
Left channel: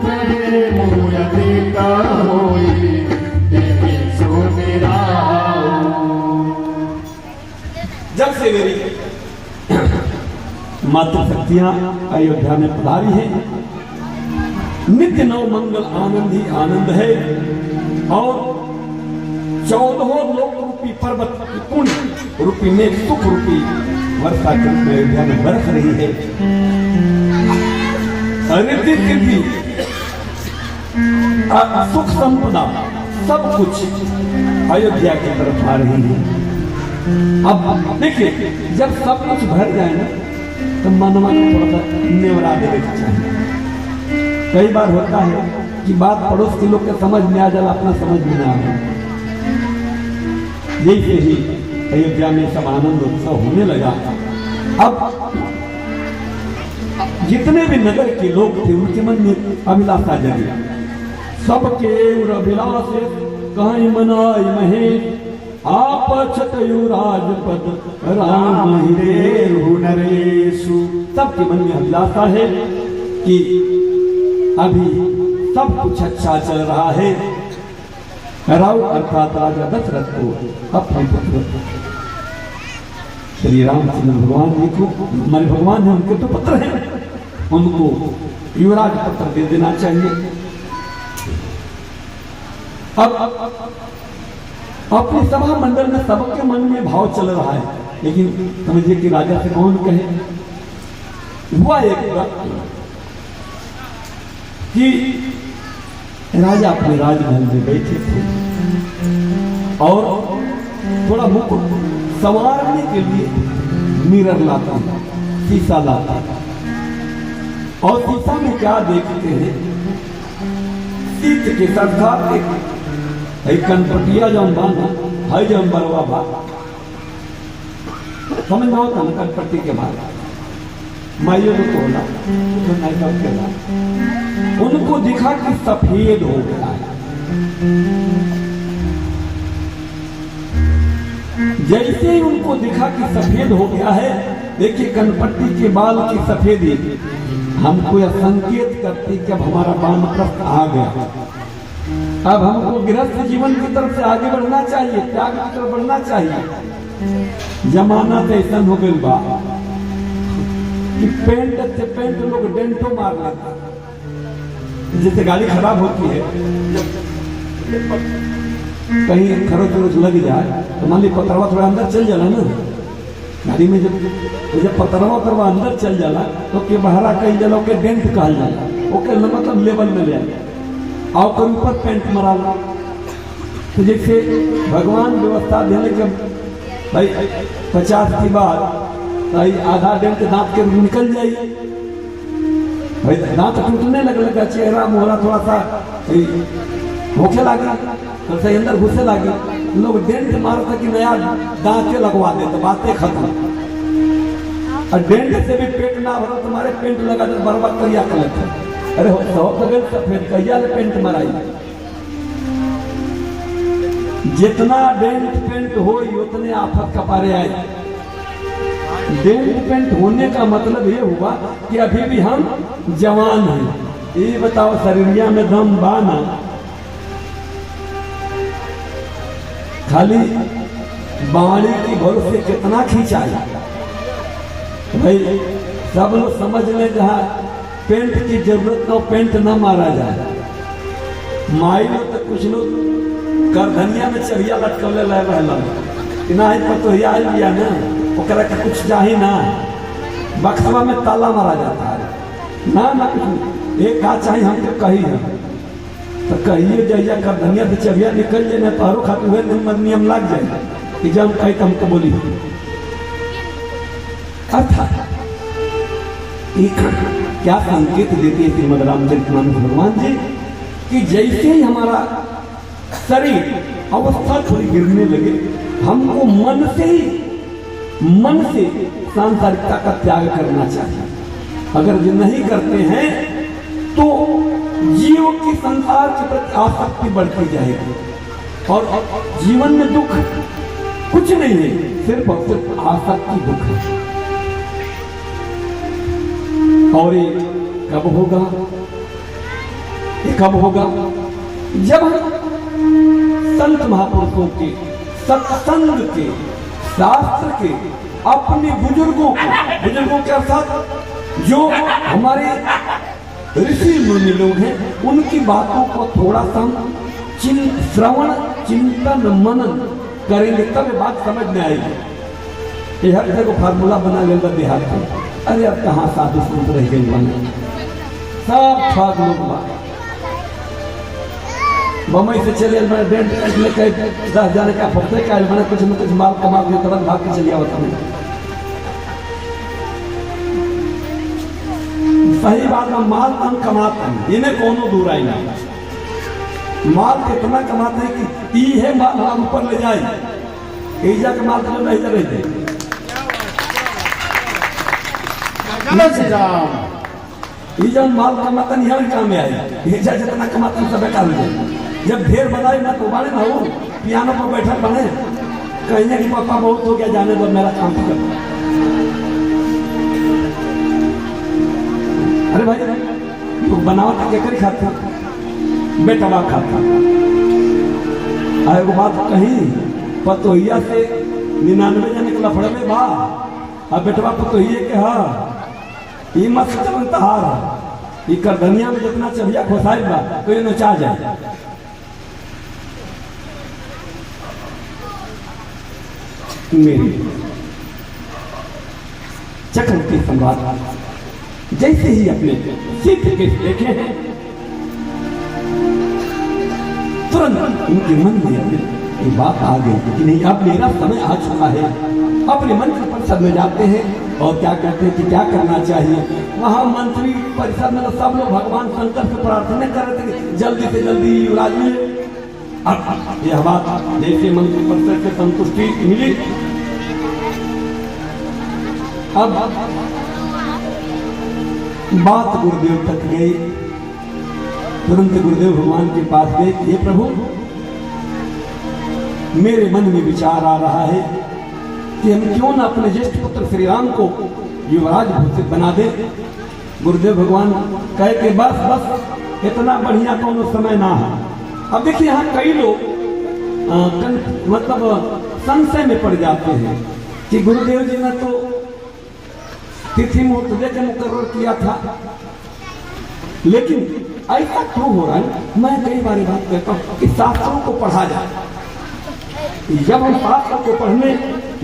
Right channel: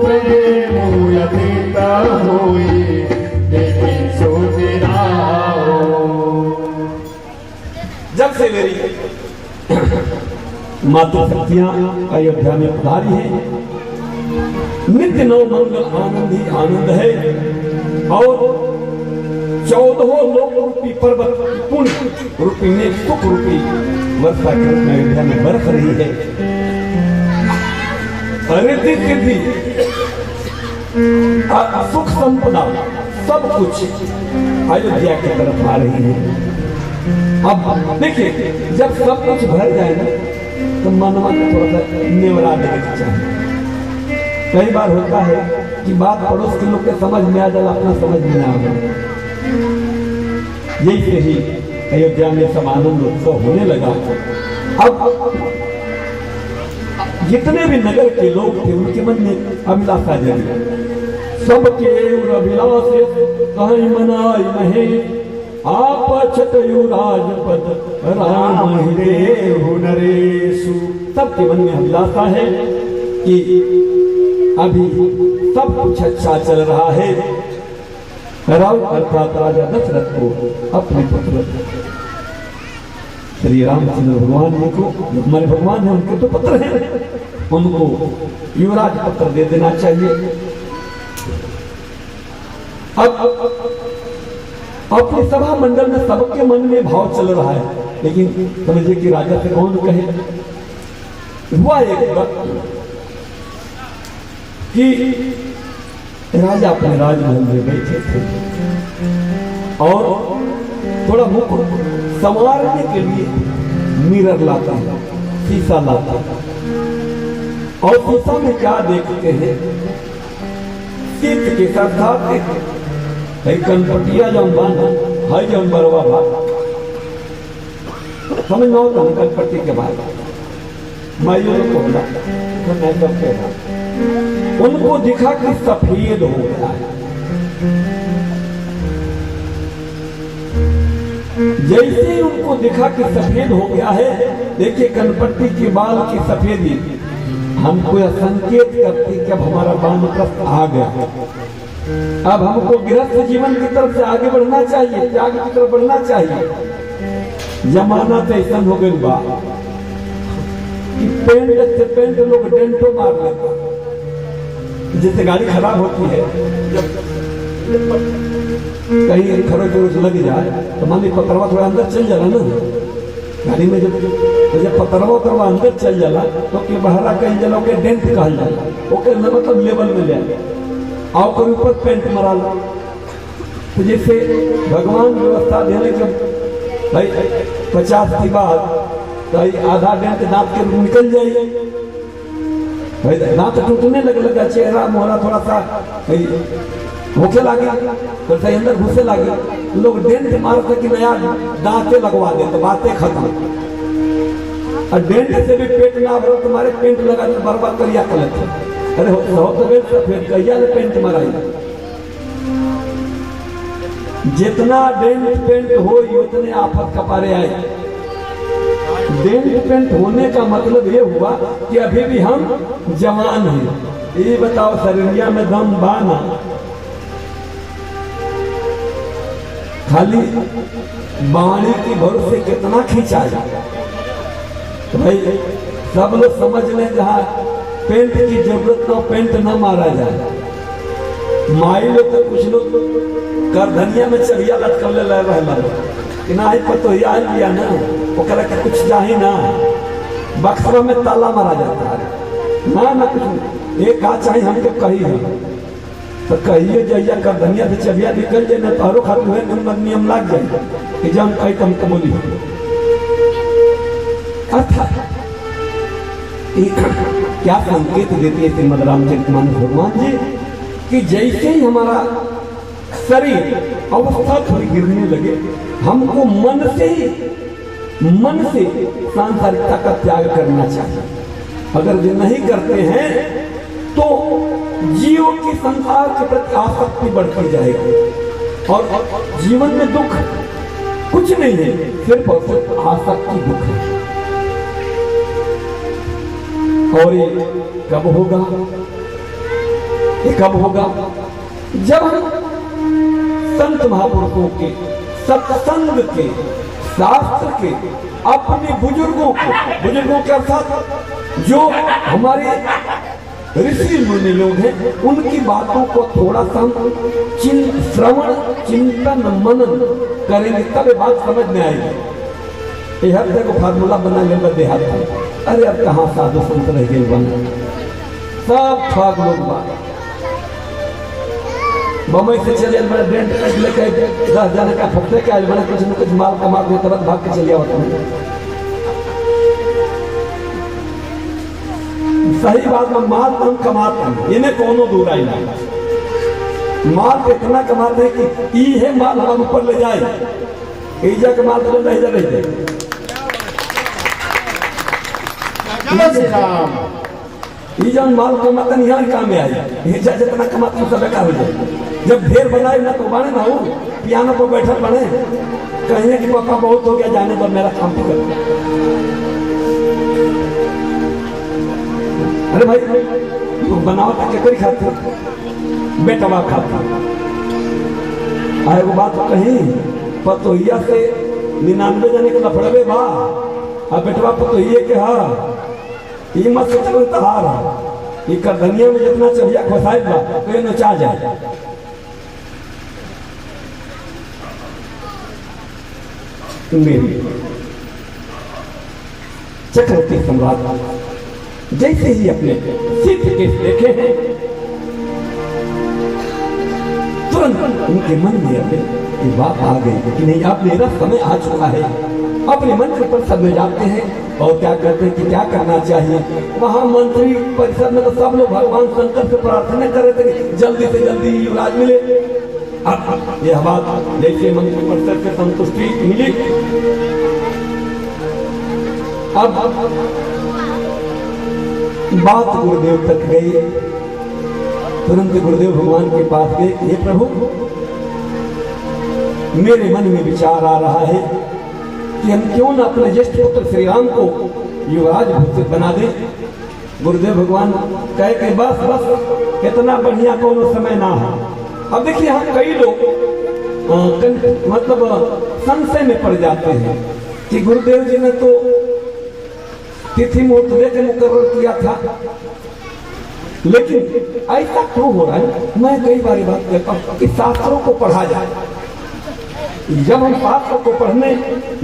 प्रेम यदित होई देवी सुनिराओ। जब से मेरी मातृशक्तियां अयोध्या में पधारी है, नित्य नव मंगल आनंद ही आनंद है और 14 लोक रूपी पर्वत पुण्य रूपी में सुख रूपी वर्षा के रूप में अयोध्या में बरस रही है। रिद्धि सिद्धि सुख संपदा सब कुछ अयोध्या की तरफ आ रही है। अब देखिए, जब सब कुछ भर जाए ना तो मनवा को थोड़ा सा नेवरा देने की चाहिए। कई बार होता है कि बात पड़ोस के लोग के समझ में आ जाए, अपना समझ में ना आए। यही से ही अयोध्या में सब आनंद उत्सव होने लगा। अब जितने भी नगर के लोग थे उनके मन में अभिलाषा जगी। सबके अभिलाषे कहीं मनाई महे आप छतयु राजपद राम हिरेहु नरेशु। सबके मन में अभिलाषा है कि अभी सब कुछ अच्छा चल रहा है। राव अर्थात राजा दशरथ को अपने पुत्र श्री रामचंद्र भगवान जी को, हमारे भगवान है उनके तो पुत्र हैं, उनको युवराज पत्र दे देना चाहिए। अब अपने सभा मंडल में सबके मन में भाव चल रहा है, लेकिन समझिए कि राजा से कौन कहे। हुआ एक कि राजा अपने राजमहल में बैठे थे और थोड़ा मुख संवारने के लिए मिरर लाता है, शीशा लाता है और शीशा में क्या देखते हैं, सीत के साथ एक कनपटिया जौन बांधा है जौन बरवा बात समझ में होता है। कनपट्टी के बाद माइयों को होला तो नहीं कब कहना, उनको दिखा कि सफेद हो गया है। जैसे ही उनको दिखा कि सफेद हो गया है, देखिए कनपट्टी के बाल की सफेदी हमको यह संकेत करती कि अब हमारा वानप्रस्थ आ गया। अब हमको गृहस्थ जीवन की तरफ से आगे बढ़ना चाहिए, त्याग की तरफ बढ़ना चाहिए। जमाना तो ऐसा हो गई बा कि पेंट से पेंट लोग डेंटो मार लेता। जैसे गाड़ी खराब होती है, जब कहीं खरोच वरोच लग जाए तो मान ली पतरवा थोड़ा अंदर चल जाला ना गाड़ी में, जब पतरवा अंदर चल जाला तो के बहरा कहीं जला के डेंट कहल जाला, ओके ना मतलब लेवल में जाए और कर ऊपर पेंट मरा ला। तो जैसे भगवान व्यवस्था देने के भाई 50 की बात तो आधा डेंट दांत के निकल जाइए, भाई दांत टूटने लगा, चेहरा मोहरा थोड़ा सा होके लगे तो सही अंदर घुसे लगे, लोग डेंट मारते कि नया दांते लगवा देते, बातें खत्म। और डेंट से भी पेट ना भरो, तुम्हारे पेंट लगा तो बर्बाद करिया कलेक्टर, अरे सफेद कहिया पेंट मराई। जितना डेंट पेंट हो उतने आफत कपारे आए। डेंट पेंट होने का मतलब ये हुआ कि अभी भी हम जवान हैं। ये बताओ शरीरिया में दम बाना, खाली बाणी की भरोसे कितना खींचाया। तो भाई सब लोग समझ लें जहाँ पेंट की जरूरत तो पेंट न मारा जाए। माई लोग तो कुछ लोग कर धनिया में चढ़िया लटकल ले रहना कि ना तो लिया ना ओकरा के कुछ चाही ना, बक्सवा में ताला मारा जाता है ना कुछ एक का चाहे हमके कही है तो कहिए जैया कर धनिया से चढ़िया निकल जाए ना तोहरो खातिर नियम लाग जाए कि जब हम कही तो हमको बोली। अर्थात क्या संकेत देती है श्रीमद रामचरितमानस भगवान जी कि जैसे ही हमारा शरीर अवस्था थोड़ी गिरने लगे। हमको मन से सांसारिकता का त्याग करना चाहिए। अगर ये नहीं करते हैं तो जीव की संसार के प्रति आसक्ति बढ़ती जाएगी और जीवन में दुख कुछ नहीं है, सिर्फ और सिर्फ आसक्ति दुख है। और ये कब होगा? ये कब होगा? जब संत महापुरुषों के, सत्संग के, शास्त्र के, अपने बुजुर्गों के अर्थात जो हमारे ऋषि मुनि लोग हैं, उनकी बातों को थोड़ा सा श्रवण, चिंतन, मनन करेंगे तब ये बात समझ में आएगी। ये हर जगह फार्मूला बना लेगा देहात में, अरे अब कहाँ साधु संत रह गए बने, सब ठग लोग बात। बम्बई से चले मैंने डेंट कट लेके 10 जाने का फुकने का मैंने कुछ न कुछ माल कमा के तुरंत भाग के चलिए होता हूँ। सही बात में माल हम कमाते हैं, इन्हें कोनो दूर आई नहीं। माल इतना कमाते हैं कि ई है माल हम ऊपर ले जाए, ईजा के माल तो नहीं जा रही है। ईजा माल कमाते नहीं है, काम में आए। ईजा जितना कमाते हैं सब बेकार हो जाए। जब ढेर बनाए ना तो बने ना हो, पियानो पर बैठे बने, कहेंगे कि पापा बहुत हो गया, जाने पर मेरा काम तो करता। अरे भाई बनाओ ताकि करी खाते, बेटवा खाता। अरे वो बात कहीं पतोहिया से 99 जने को लफड़े बा, अब बेटवा पतोहिए के हा ये मत सोचो तहार, ये कर धनिया में जितना चबिया खोसाई बा तो ये नचा जाए। मेरी चक्रवर्ती सम्राट जैसे ही अपने सिद्ध के देखे हैं, तुरंत उनके मन में ये बात आ गई कि नहीं, अब मेरा समय आ चुका है। अपने मंत्र परिषद में जाते हैं और क्या कहते हैं कि क्या करना चाहिए। वहां मंत्री परिषद में तो सब लोग भगवान शंकर से प्रार्थना कर रहे थे जल्दी से जल्दी इलाज मिले। अब यह बात जैसे मंत्री परिषद से संतुष्टि मिली, अब बात गुरुदेव तक गई। तुरंत गुरुदेव भगवान के पास गए, हे प्रभु मेरे मन में विचार आ रहा है कि हम क्यों न अपने ज्येष्ठ पुत्र श्री राम को युवराज बना दे। गुरुदेव भगवान कहे कि बस बस इतना बढ़िया कोनो समय ना है। अब देखिए यहाँ कई लोग मतलब संशय में पड़ जाते हैं कि गुरुदेव जी ने तो तिथि मुहूर्त देकर मुकर्रर किया था, लेकिन ऐसा क्यों हो रहा है? मैं कई बार बात कहता हूं कि शास्त्रों को पढ़ा जाए। जब हम शास्त्र को पढ़ने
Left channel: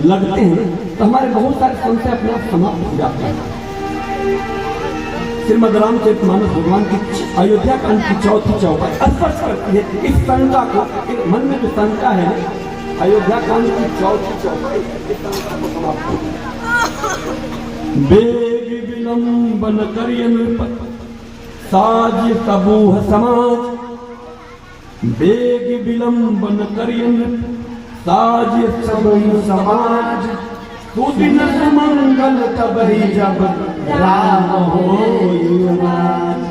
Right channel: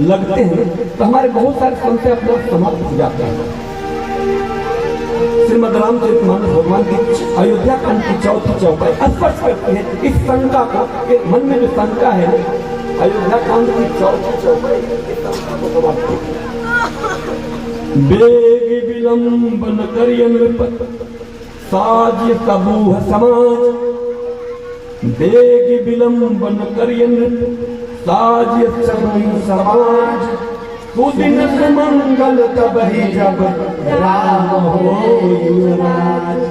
लगते हैं तो हमारे बहुत सारे संशय अपने आप समाप्त हो जाते हैं। श्रीमद रामचरितमानस भगवान की अयोध्या कांड की 4थी चौपाई स्पष्ट करती है इस शंका को, मन में जो शंका है अयोध्या कांड की 4थी चौपाई इस शंका को समाप्त करती है। बेग विलंबन करिय नृपत साज समूह समाज, बेग विलंबन करिय नृप साज समूह समाज, सुदिन सुमंगल कबहि जब राम हो युवराज।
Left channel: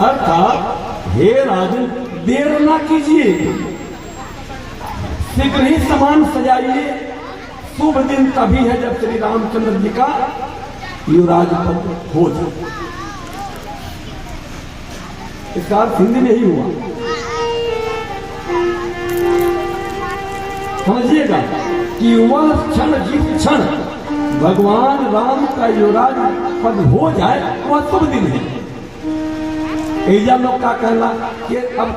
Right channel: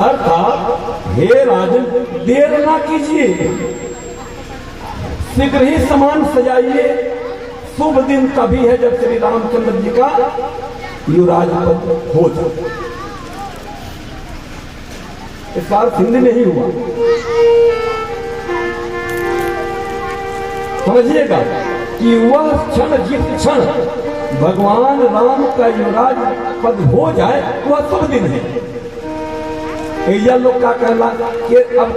अर्थात हे राजन देर ना कीजिए, शीघ्र ही सामान सजाइए। शुभ दिन तभी है जब श्री रामचंद्र जी का युवराज पद हो जाए। इसका अर्थ हिंदी में ही हुआ, समझिएगा कि वह क्षण जिस क्षण भगवान राम का युवराज पद हो जाए वह शुभ दिन है। ऐसा लोग क्या कहना कि अब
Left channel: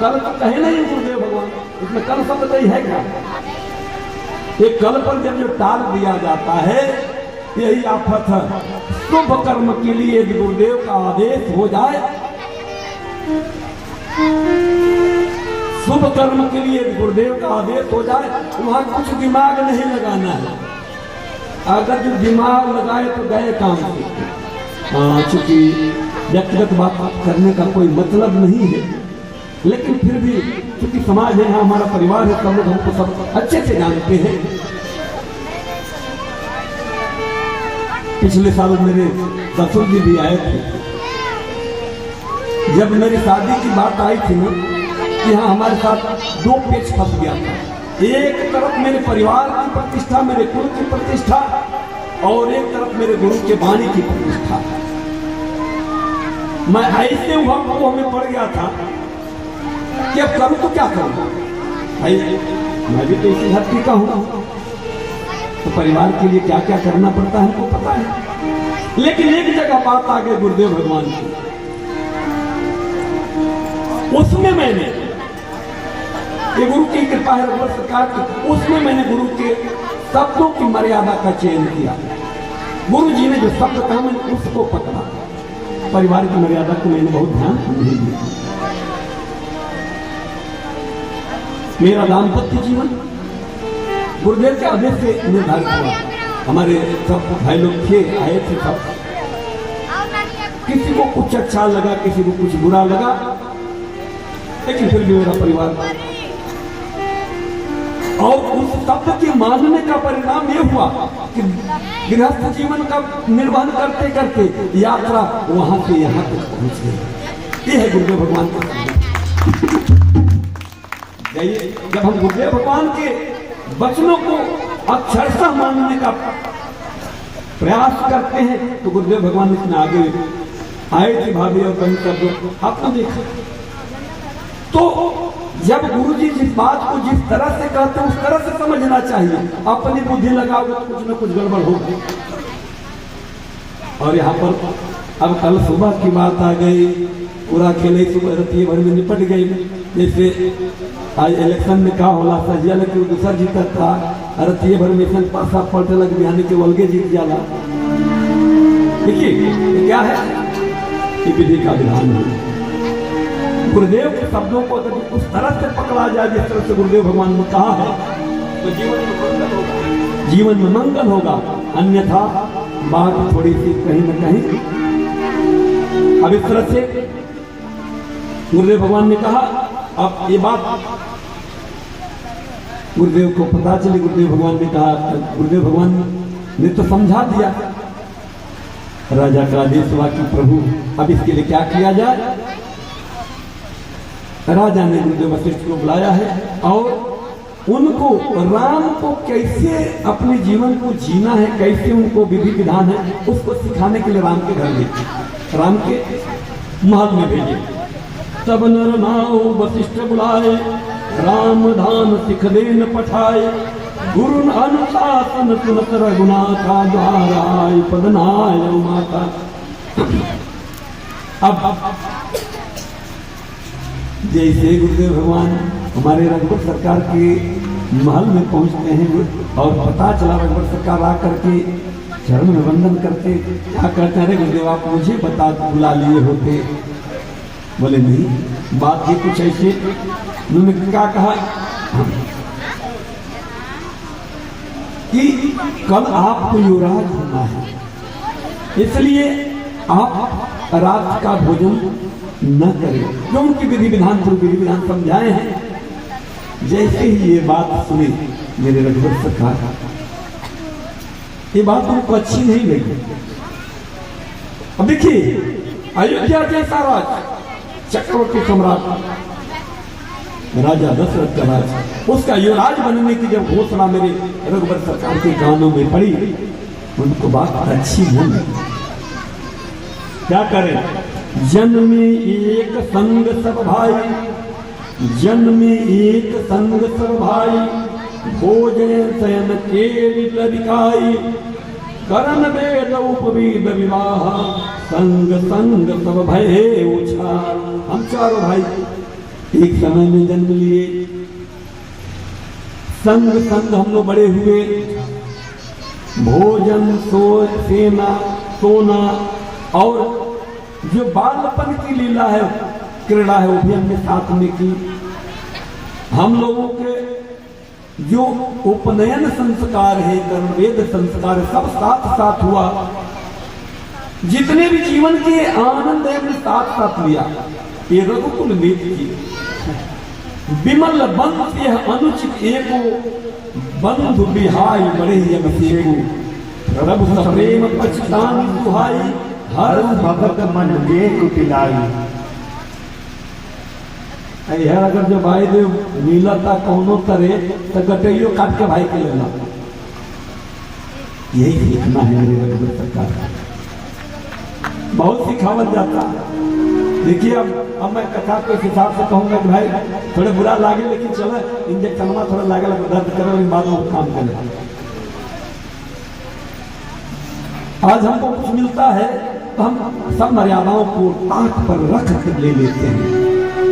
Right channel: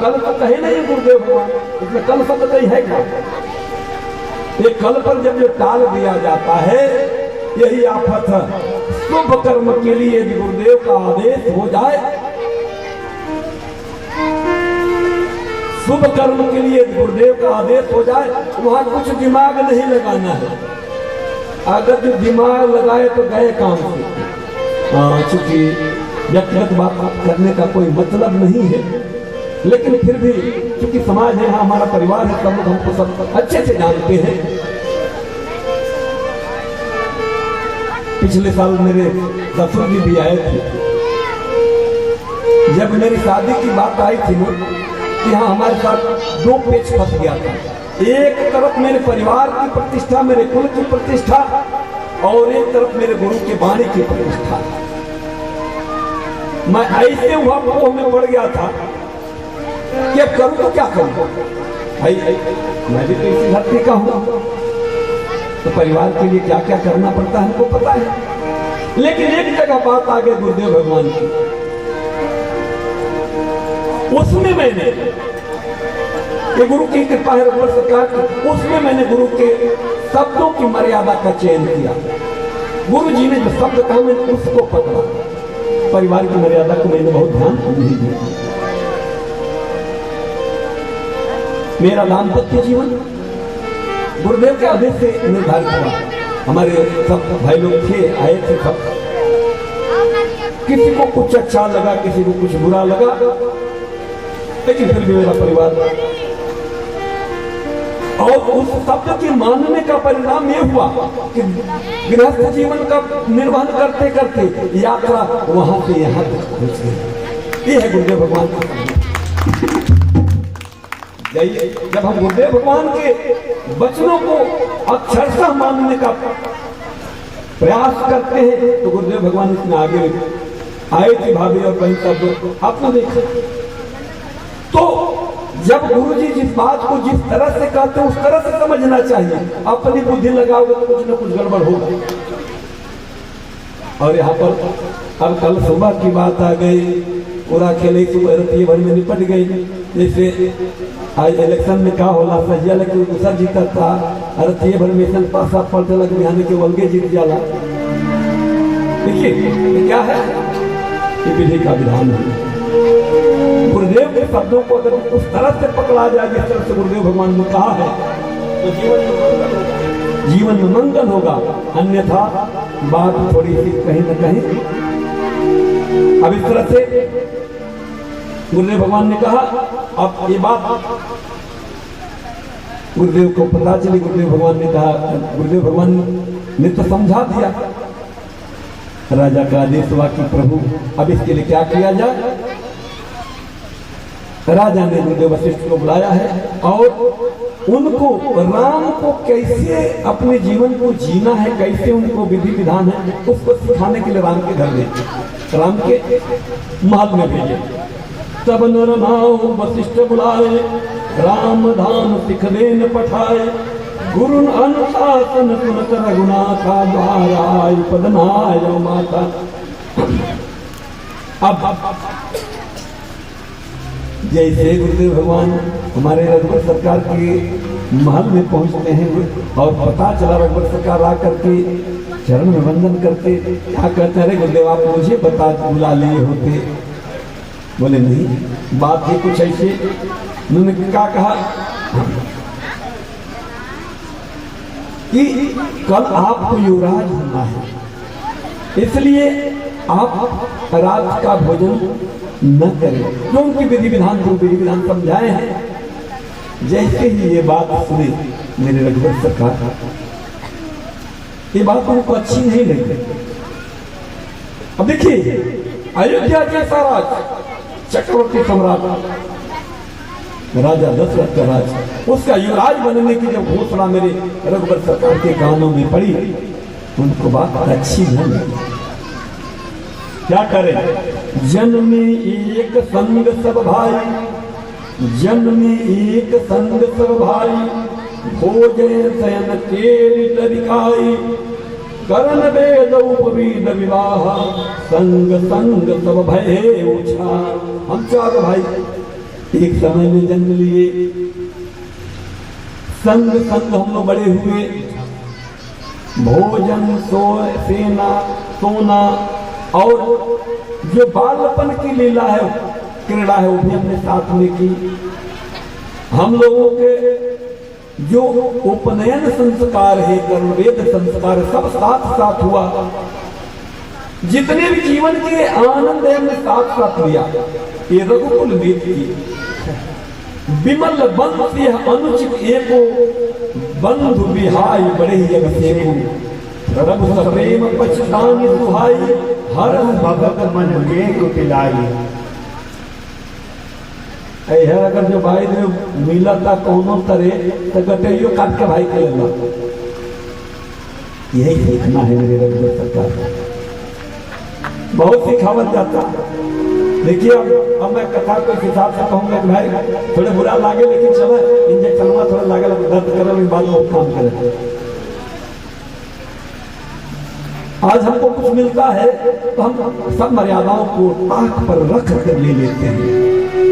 कल तो कहे नहीं गुरुदेव भगवान, इसमें कल शब्द नहीं है क्या? एक कल पर जब जो टाल दिया जाता है यही आफत है। शुभ कर्म के लिए यदि गुरुदेव का आदेश हो जाए, शुभ कर्म के लिए यदि गुरुदेव का आदेश हो जाए, वहां कुछ दिमाग नहीं लगाना है। अगर जो दिमाग लगाए तो गए काम से। चूंकि व्यक्तिगत बात करने का कोई मतलब नहीं है, लेकिन फिर भी क्योंकि समाज है, यहाँ हमारा परिवार है, सब लोग हमको सब अच्छे से जानते हैं। पिछले साल मेरे ससुर जी भी आए थे। जब मेरी शादी की बात आई थी ना, कि हाँ हमारे साथ दो पेच फंस गया था। एक तरफ मेरे परिवार की प्रतिष्ठा, मेरे कुल की प्रतिष्ठा, और एक तरफ मेरे गुरु के वाणी की प्रतिष्ठा। मैं ऐसे मोह में पड़ गया था कि अब करूं तो क्या करूं। भाई मैं भी तो इसी धरती का हूं, तो परिवार के लिए क्या क्या करना पड़ता है हमको पता है। लेकिन एक जगह बात आ गई गुरुदेव भगवान की, उसमें मैंने गुरु की कृपा है रघुवर सरकार की, उसमें मैंने गुरु के शब्दों की मर्यादा का चयन किया। गुरु जी ने जो शब्द कहा मैंने उसको पकड़ा। परिवार की मर्यादा को मैंने बहुत ध्यान नहीं दिया। मेरा दाम्पत्य जीवन गुरुदेव के आदेश से निर्धारित हुआ। हमारे सब भाई लोग थे, आए थे सब। किसी को कुछ अच्छा लगा, किसी को कुछ बुरा लगा, लेकिन फिर भी मेरा परिवार। और उस शब्द के मानने का परिणाम यह हुआ कि गृहस्थ जीवन का निर्वहन करते करते यात्रा वहां से यहां तक पहुंच गई। ये है गुरुदेव भगवान का। जब हम गुरुदेव भगवान के वचनों को अक्षरशः मानने का प्रयास करते हैं तो गुरुदेव भगवान इसमें आगे आए थे। भाभी और बहन सब आपने देखा। तो जब गुरु जी जिस बात को जिस तरह से कहते हैं उस तरह से समझना चाहिए। अपनी बुद्धि लगाओगे तो कुछ न कुछ गड़बड़ होगा। और यहाँ पर अब कल सुबह की बात आ गई, पूरा खेल सुबह रतिये भर में निपट गई। जैसे आज इलेक्शन में क्या होला सजिया लेकिन दूसरा जीता था, रतिये भर में सन पासा पलटे लग बिहानी के वलगे जीत जाला। देखिए ये क्या है, ये विधि का विधान है। गुरुदेव के शब्दों को अगर उस तरह से पकड़ा जाए जिस तरह से गुरुदेव भगवान ने कहा है तो जीवन में मंगल होगा, जीवन में मंगल होगा। अन्यथा बात थोड़ी सी कहीं न कहीं अब इस तरह से गुरुदेव भगवान ने कहा। अब ये बात गुरुदेव को पता चली, गुरुदेव भगवान ने कहा, गुरुदेव भगवान ने तो समझा दिया। राजा का आदेश हुआ कि प्रभु अब इसके लिए क्या किया जाए। राजा ने गुरुदेव वशिष्ठ को बुलाया है और उनको राम को कैसे अपने जीवन को जीना है, कैसे उनको विधि विधान है, उसको सिखाने के लिए राम के घर भेजे, राम के महल में भेजे। तब नर नाव वशिष्ठ बुलाए, राम धान सिख देन पठाए। गुरु अनुशासन सुनत रघुनाथा, द्वाराय पदनाय माता। अब जैसे गुरुदेव भगवान हमारे रघुवर सरकार के महल में पहुंचते हैं और पता चला रघुवर सरकार आ करके चरण में वंदन करके क्या कहते हैं, गुरुदेव आप मुझे बता बुला लिए होते। बोले नहीं, बात ही कुछ ऐसी। उन्होंने क्या कहा कि कल आपको युवराज होना है, इसलिए आप रात का भोजन न करें। जो उनकी विधि विधान को विधि विधान समझाए हैं। जैसे ही ये बात सुनी मेरे रघुवर सरकार, ये बात उनको अच्छी नहीं लगी। अब देखिए अयोध्या जैसा राज, चक्रवर्ती सम्राट राजा दशरथ का राज, उसका युवराज बनने की जब घोषणा मेरे रघुवर सरकार के कानों में पड़ी, उनको बात अच्छी नहीं लगी। क्या करें, जन्मे एक संग सब भाई, जन्मे एक संग सब भाई। भोजे शयन केत बिकाई, करन वेद उपवीद विवाह। संग संग सब भय उछा। हम चारों भाई एक समय में जन्म लिए, संग संग हम लोग बड़े हुए। भोजन सेना सोना और जो बालपन की लीला है, क्रीड़ा है, वो भी हमने साथ में की। हम लोगों के जो उपनयन संस्कार है, कर्मवेद संस्कार है, सब साथ साथ हुआ। जितने भी जीवन के आनंद है हमने साथ साथ लिया। ये रघुकुल वेद की विमल बंस यह अनुचित एको, बंधु बिहाई बड़े अभिषेकु, प्रभु प्रेम पछतानी दुहाई, हर भगत मन एक पिलाई। यह अगर जो भाई जो मिलता कौनो करे तो गटैयो काट के भाई के लेना। यही सीखना है मेरे रघुवर सरकार, बहुत सिखावल जाता। देखिए अब मैं कथा के हिसाब से कहूंगा कि भाई थोड़ा बुरा लागे, लेकिन चलो इंजेक्शन थोड़ा लागे दर्द करे, लेकिन बाद में काम करे। आज हमको कुछ मिलता है तो हम सब मर्यादाओं को आंख पर रख कर ले लेते हैं।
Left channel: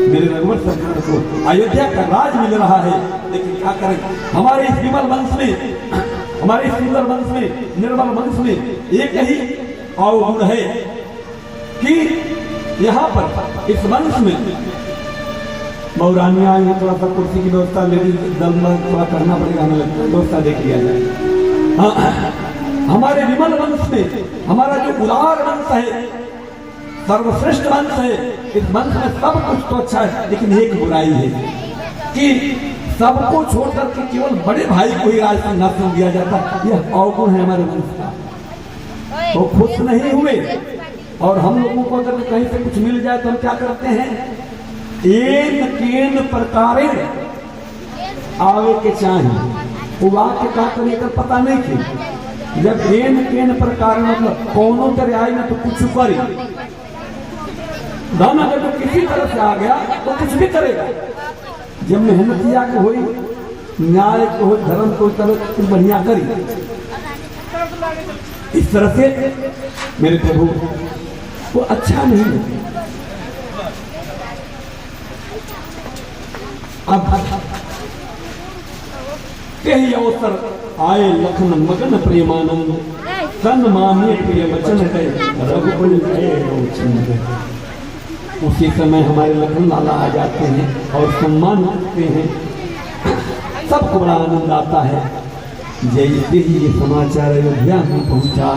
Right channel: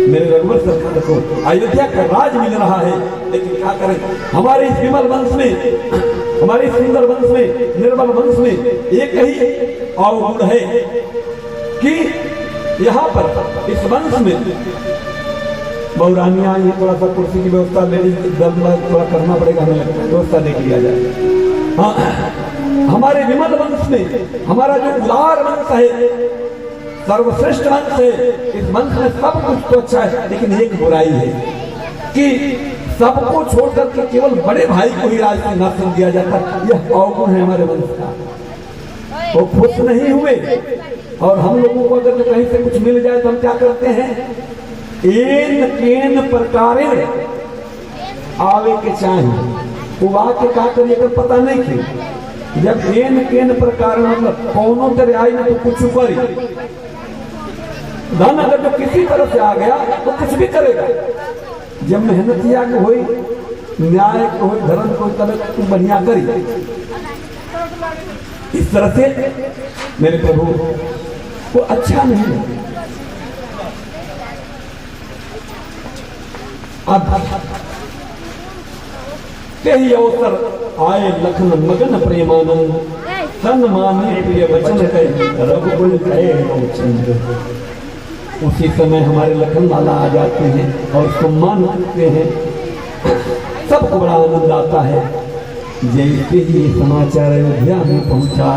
मेरे रघुवर सरकार को अयोध्या का राज मिल रहा है, लेकिन क्या करें, हमारे इस विमल वंश में, हमारे इस सुंदर वंश में, निर्मल वंश में एक ही अवगुण है कि यहाँ पर इस वंश में बहुरानियां ये थोड़ा सा कुर्सी की व्यवस्था लेडीज दल में थोड़ा करना पड़ेगा, हमें लगता है व्यवस्था देख लिया जाए। हाँ, हमारे विमल वंश में हमारा जो उदार वंश है, सर्वश्रेष्ठ वंश है, इस वंश में सब कुछ तो अच्छा है, लेकिन एक बुराई है कि सबको छोड़कर के केवल बड़े भाई को ही राज सिंहासन दिया जाता। यह अवगुण है हमारे वंश का। वो खुश नहीं हुए, और हम लोगों को अगर कहीं से कुछ मिल जाए तो हम क्या करते हैं, एन केन प्रकारे आवे के चाहिए, वो आके क्या करिए तो पता नहीं थी। जब एन केन प्रकार मतलब कौनों तरह आई में तो कुछ करी, धन अगर तो किसी तरह से आ गया तो कुछ भी करेगा। जब मेहनतिया को हुई, न्याय को हुई, धर्म को तरह बढ़िया करी। इस तरह से मेरे प्रभु तो अच्छा नहीं। अब कई अवसर आए लखन मगन प्रेमानंद, तन माने प्रिय वचन कहे रघुकुल जय चंद्र। उसी समय हमारे लखन लाला आ जाते हैं और सम्मान करते हैं, सबको बड़ा आनंद आता है। जैसे ही समाचार अयोध्या में पहुंचा,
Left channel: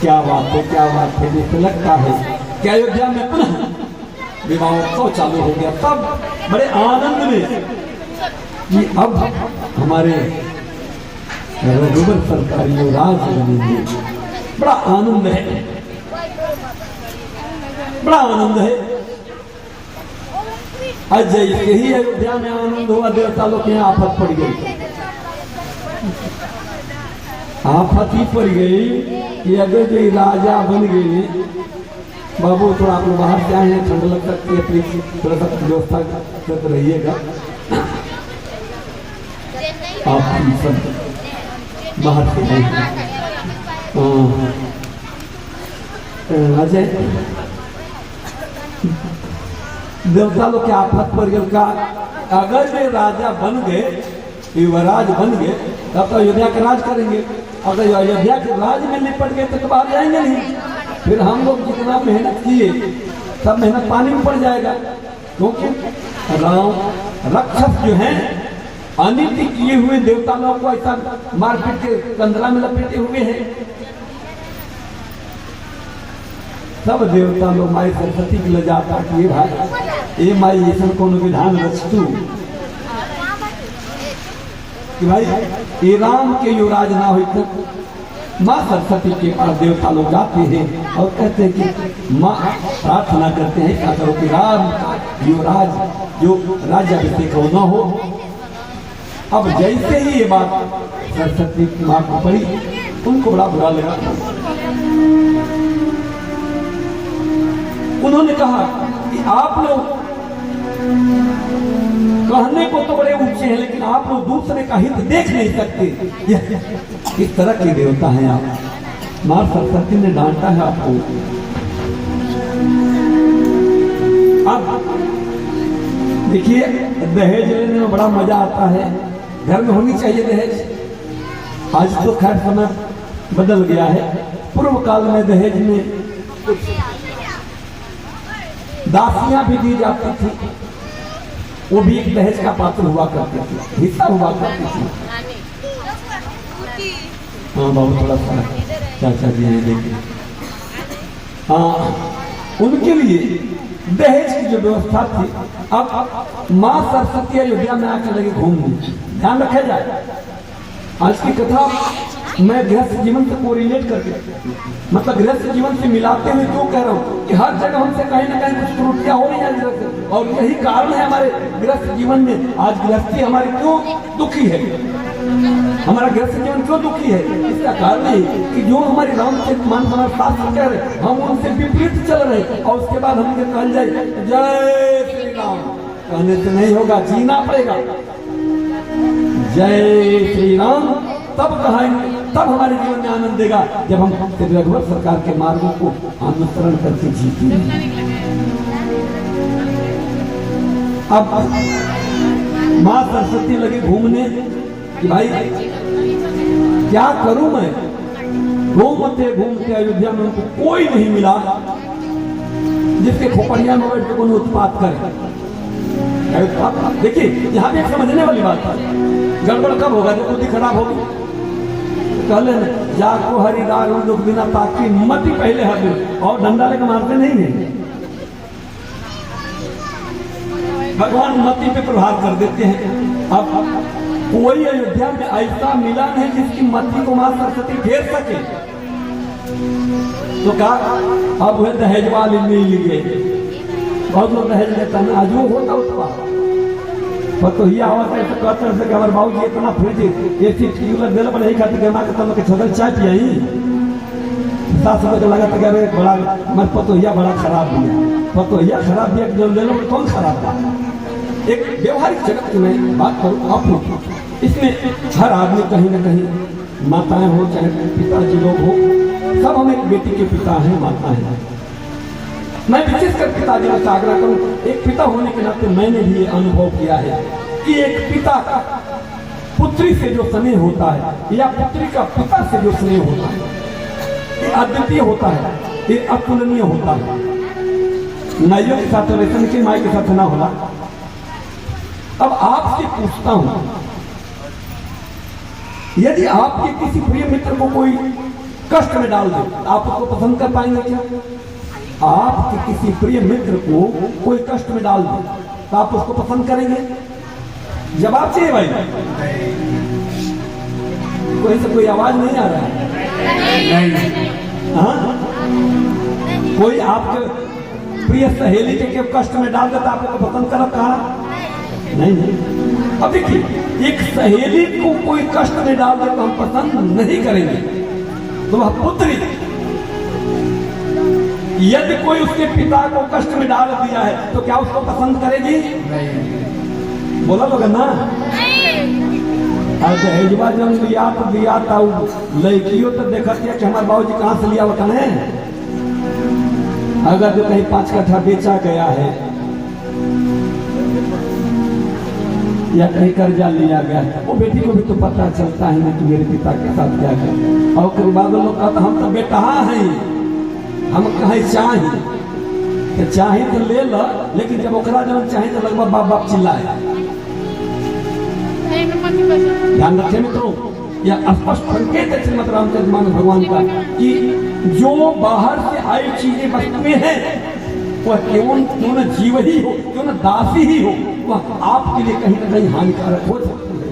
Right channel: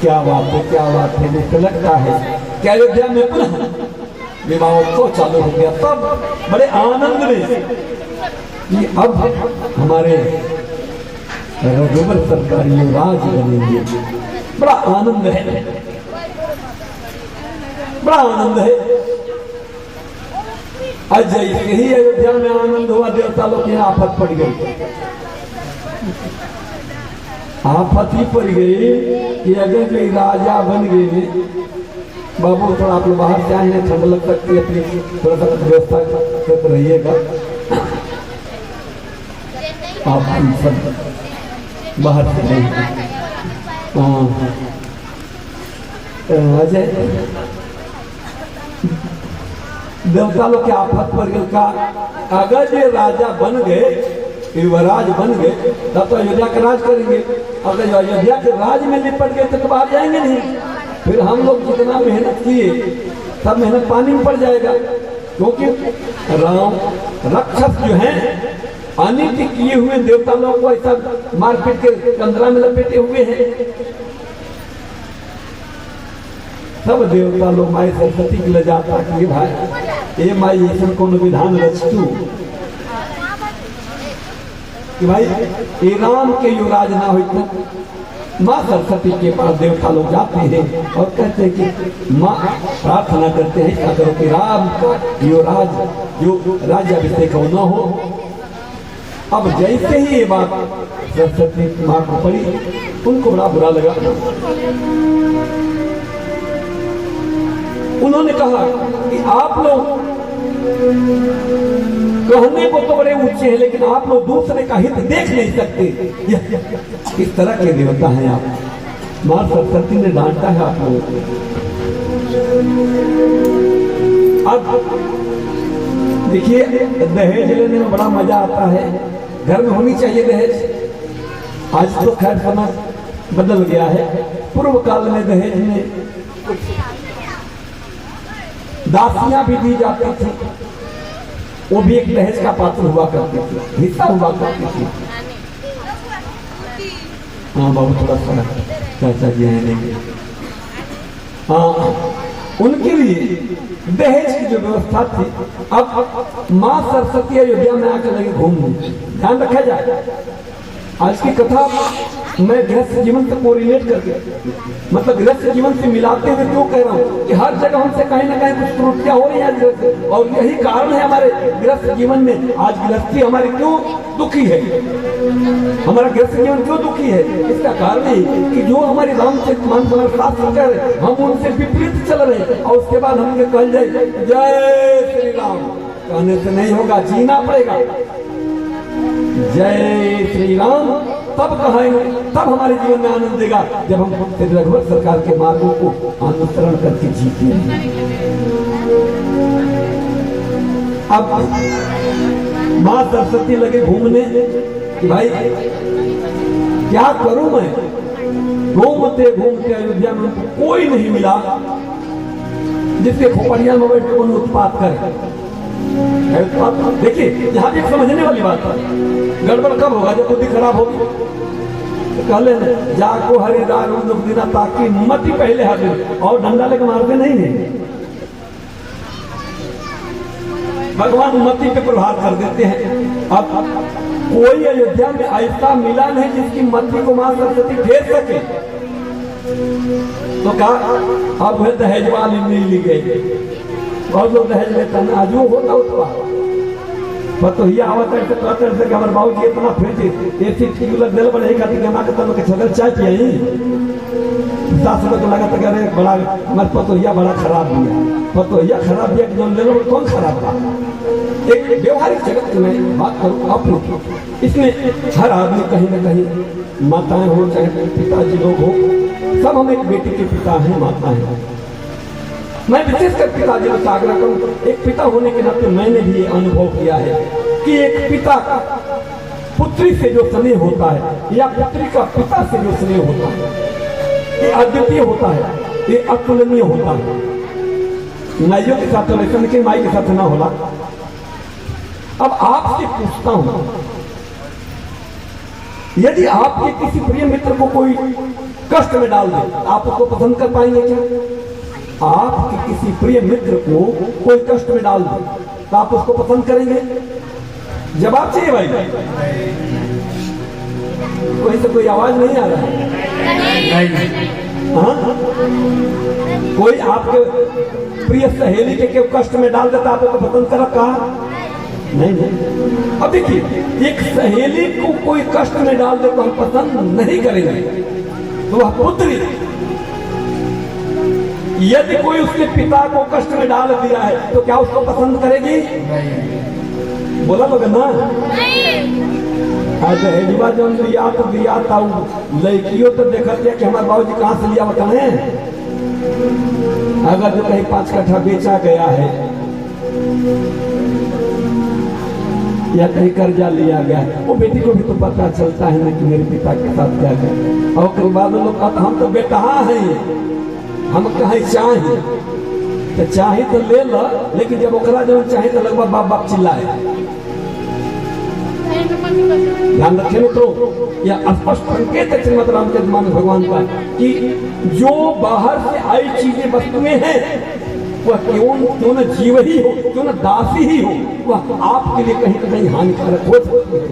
क्या बात है, क्या बात है, मुझे लगता है कि अयोध्या में पुनः विवाहोत्सव चालू हो गया। तब बड़े आनंद में कि अब हमारे रघुवर सरकार युवराज बनेंगे। बड़ा आनंद है, बड़ा आनंद है। आज जैसे ही अयोध्या में आनंद हुआ, देवता लोग के यहाँ आफत पड़ गई। आफत ही पड़ गई कि अगर जो राजा बन गए, बाबू थोड़ा आप लोग बाहर से आए हैं, ठंड लग सकती है, प्लीज थोड़ा सा व्यवस्था करते रहिएगा। आप सब बाहर से अजय देवता लोग के आफत पर गल का, अगर ये राजा बन गए, युवराज बन गए, तब तो अयोध्या का राज करेंगे। अगर अयोध्या के राज में निपट गए तो बाहर जाएंगे नहीं। फिर हम लोग जितना मेहनत किए सब मेहनत पानी में पड़ जाएगा, क्योंकि राम रक्षस जो है अनिति किए हुए देवता लोग को ऐसा मारपीट के कंदरा में लपेटे हुए हैं। सब देवता लोग माई सरस्वती के ले जाता कि भाई ए माई ऐसा कोनो विधान रचतू कि भाई ए राम के युवराज ना हो। माँ सरस्वती के पास देवता लोग जाते हैं और कहते हैं कि माँ प्रार्थना करते हैं अगर कि राम का युवराज जो राज्याभिषेक हो न हो। अब जैसे ही ये बात सरस्वती माँ को पड़ी, उनको बड़ा बुरा लगा। उन्होंने कहा कि आप लोग कहने को तो बड़े ऊंचे हैं, लेकिन आप लोग दूसरे का हित देख नहीं सकते। इस तरह के देवता हैं आप। मां सरस्वती ने डांटा है आप लोगों को। अब देखिए दहेज लेने में बड़ा मजा आता है, घर में होनी चाहिए दहेज। आज तो खैर समय बदल गया है। पूर्व काल में दहेज में दासियां भी दी जाती थी, वो भी एक दहेज का पात्र हुआ करते थे, हिस्सा हुआ करते थे। हाँ बाबू थोड़ा सा चाचा जी देंगे। हाँ उनके लिए दहेज की जो व्यवस्था थी, अब मां सरस्वती अयोध्या में आकर लगे घूमने। ध्यान रखा जाए, आज की कथा मैं गृहस्थ जीवन से कोरिलेट करके, मतलब गृहस्थ जीवन से मिलाते हुए क्यों कह रहा हूं कि हर जगह हमसे कहीं ना कहीं कुछ त्रुटियां हो रही हैं, और यही कारण है हमारे गृहस्थ जीवन में। आज गृहस्थी हमारी क्यों दुखी है, हमारा गृहस्थ जीवन क्यों दुखी है, इसका कारण है कि जो हमारी रामचरित मानस हमारे शास्त्र कह रहे, हम उनसे विपरीत चल रहे, और उसके बाद हमें कह जाए जय श्री राम, कहने से नहीं होगा, जीना पड़ेगा। जय श्री राम तब कहेंगे, तब हमारे जीवन में आनंद देगा, जब हम रघुवर सरकार के मार्गों को अनुसरण करके जीते हैं। अब मां सरस्वती लगे घूमने कि भाई क्या करूं मैं, घूमते घूमते अयोध्या में उनको कोई नहीं मिला जिसके खोपड़िया में बैठ के उत्पात करे। देखिए यहां भी एक समझने वाली बात है, गड़बड़ कब होगा जब बुद्धि खराब होगी। कहले जाको हरिदार लोग बिना ताकि मती पहले हर और डंडा लेकर मारते नहीं है, भगवान मती पे प्रभाव कर देते हैं। अब कोई अयोध्या में ऐसा मिला नहीं जिसकी मती को मां सरस्वती फेर सके, तो कहा अब वह दहेज वाली मिल ली गई। बहुत लोग दहेज लेता है, आज वो होता उत्पाद तो ये आवत है, तो कहते हैं कि हमारे बाबू जी इतना फ्रिज एसी दिल पर नहीं खाती गमा के तब के छगल चाय पियाई 7 रुपये का लगा तो कह रहे बड़ा हमारे पतोहिया बड़ा खराब दिया, पतोहिया खराब दिया जो ले लो कौन खराब था। एक व्यवहारिक जगत में बात करूँ आप, इसमें हर आदमी कहीं ना कहीं, माताएं हो चाहे पिताजी लोग हो, सब हम एक बेटी के पिता हैं, माता है। मैं विशेषकर पिताजी से आग्रह करूं, एक पिता होने के नाते मैंने भी ये अनुभव किया है कि एक पिता पुत्री से जो स्नेह होता है या पुत्री का पिता से जो स्नेह होता है, ये अद्वितीय होता है, ये अतुलनीय होता है। नाइयों के साथ वैसे लेकिन माई के साथ ना होला। अब आपसे पूछता हूं, यदि आपके किसी प्रिय मित्र को कोई कष्ट में डाल दे, आप उसको पसंद कर पाएंगे क्या? आपके किसी प्रिय मित्र को कोई कष्ट में डाल दे तो आप उसको पसंद करेंगे? जवाब चाहिए भाई, कोई से कोई आवाज नहीं आ रहा है। हाँ? कोई आपके प्रिय सहेली के कष्ट में डाल देता आप उसको पसंद कर कहा? नहीं। अब देखिए, एक सहेली को कोई कष्ट में डाल दे तो हम पसंद नहीं करेंगे, तो वह पुत्री। यदि कोई उसके पिता को कष्ट में डाल दिया है तो क्या उसको पसंद करेगी? नहीं। बोला लोग ना, दहेजवा जब दिया था लड़कियों तो देखा कि हमारे बाबूजी कहां से लिया होता है। अगर जो कहीं 5 कट्ठा बेचा गया है या कहीं कर्जा लिया गया, वो बेटी को भी तो पता चलता है ना कि मेरे पिता के साथ क्या है। और फिर बाद में लोग कहते हम तो बेटा हैं, हम कहीं चाहे तो चाहे तो ले लो, लेकिन जब ओकरा जब चाहे तो लगभग बाप बाप चिल्लाए। ध्यान रखें मित्रों, यह स्पष्ट संकेत है श्रीमद रामचरित मानस भगवान का कि जो बाहर से आई चीजें वस्तुएं हैं, वह क्यों न जीव ही हो, क्यों न दासी ही हो, वह आपके लिए कहीं ना कहीं हानिकारक हो सकती है।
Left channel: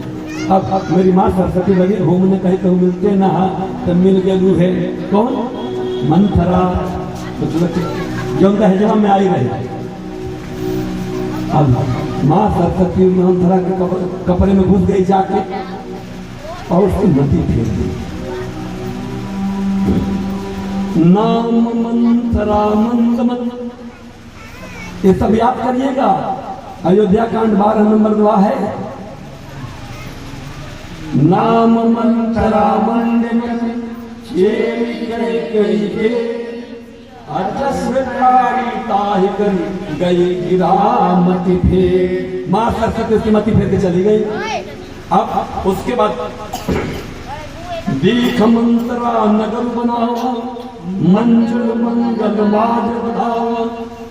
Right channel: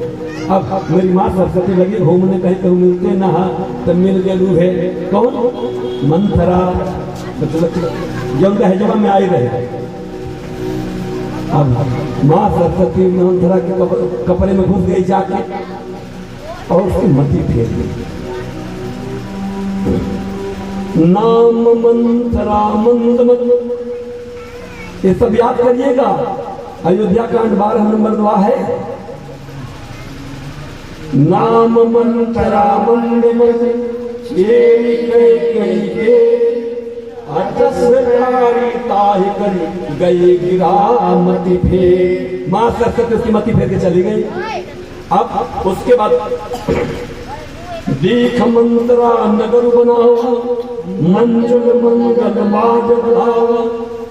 अब मेरी माँ सरस्वती लगी घूमने, कहीं तो मिलते ना तो मिल गलू है कौन? मंथरा, मतलब जब दहेजवा में आई रहे। अब मां सरस्वती मंथरा के कपड़े में घुस गई जाके और उसकी मति फेर दी। नाम मंथरा मंदमत, ये सब याद करिएगा। अयोध्या कांड 12 नंबर 2 है। नाम मंथरा मंदमत गई गिरामती फेर, मां सरस्वती उसकी मति फेर के चली गई। अब उसके बाद दीख मंत्रा नगर बना, मंजल मंगल माजला,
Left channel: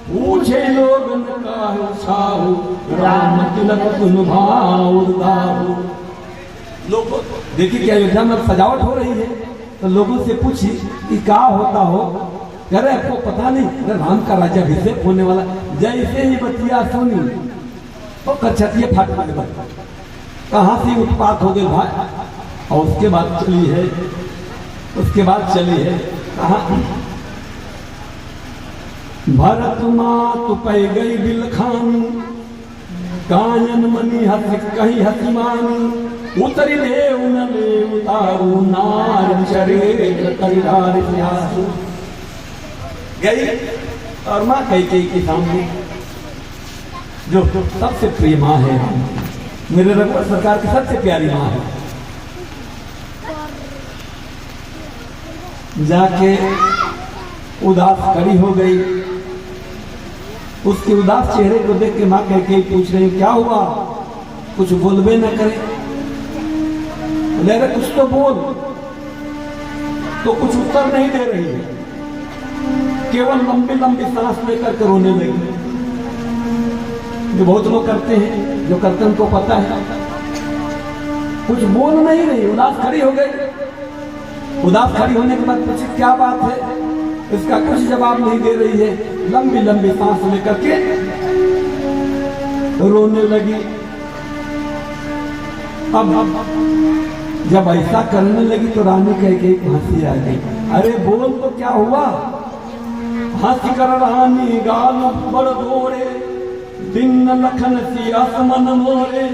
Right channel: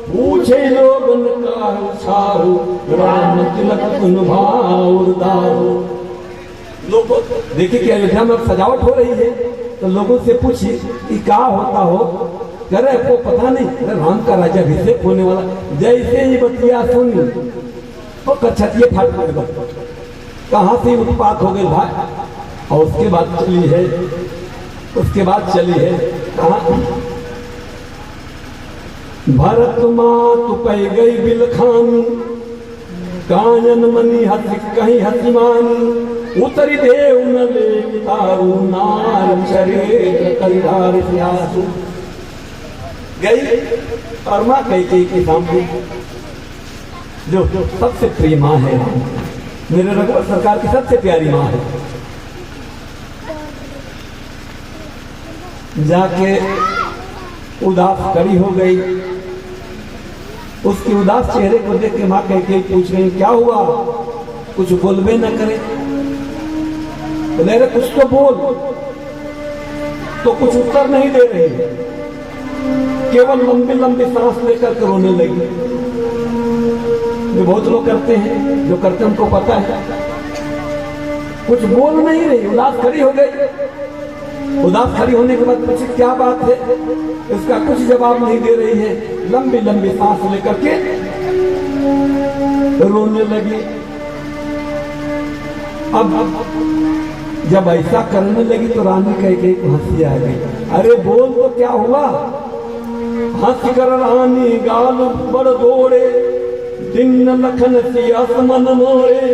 पूछे लोगन का छाओ, राम तिलक भाव। लोगों देखिए कि अयोध्या में सजावट हो रही है, तो लोगों से पूछिए कि क्या होता हो, कह रहे आपको पता नहीं, अरे राम का राज्याभिषेक होने वाला। जैसे ही बतिया सुनी तो कछतिये फाट लगे, कहां से उत्पात हो गए भाई। और उसके बाद चली है, कहा भरत मात पै गई बिलखान, कानन मनी हसी कहीं हसीमान, उतरी देव न ले उतारू नार शरीर करिहार प्यासु। गई और मां कैकेयी के सामने, जो सबसे प्रिय मां है, मेरे रघुवर सरकार की सबसे प्यारी मां है, जाके उदास खड़ी हो गई। उसके उदास चेहरे को देख के मां कैकेयी पूछ रही क्या हुआ, कुछ बोलबे न करे। लेकिन कुछ तो बोल, तो कुछ उत्तर नहीं दे रही है, केवल लंबी लंबी सांस लेकर के रोने लगी। जो बहुत लोग करते हैं, जो करते हैं उनको पता है, कुछ बोल नहीं रही, उदास खड़ी हो गई। उदास खड़ी होने के बाद पूछे क्या बात है, इसका कुछ जवाब नहीं दे रही है, लंबी लंबी सांस लेकर के रोने लगी। अब जब ऐसा करने लगी तो रानी कैकेयी को हंसी आ गई। अरे बोल तो क्या हुआ, हंस कर रानी गाल बड़ दौड़े, दिन लखन सियास मन मोरे,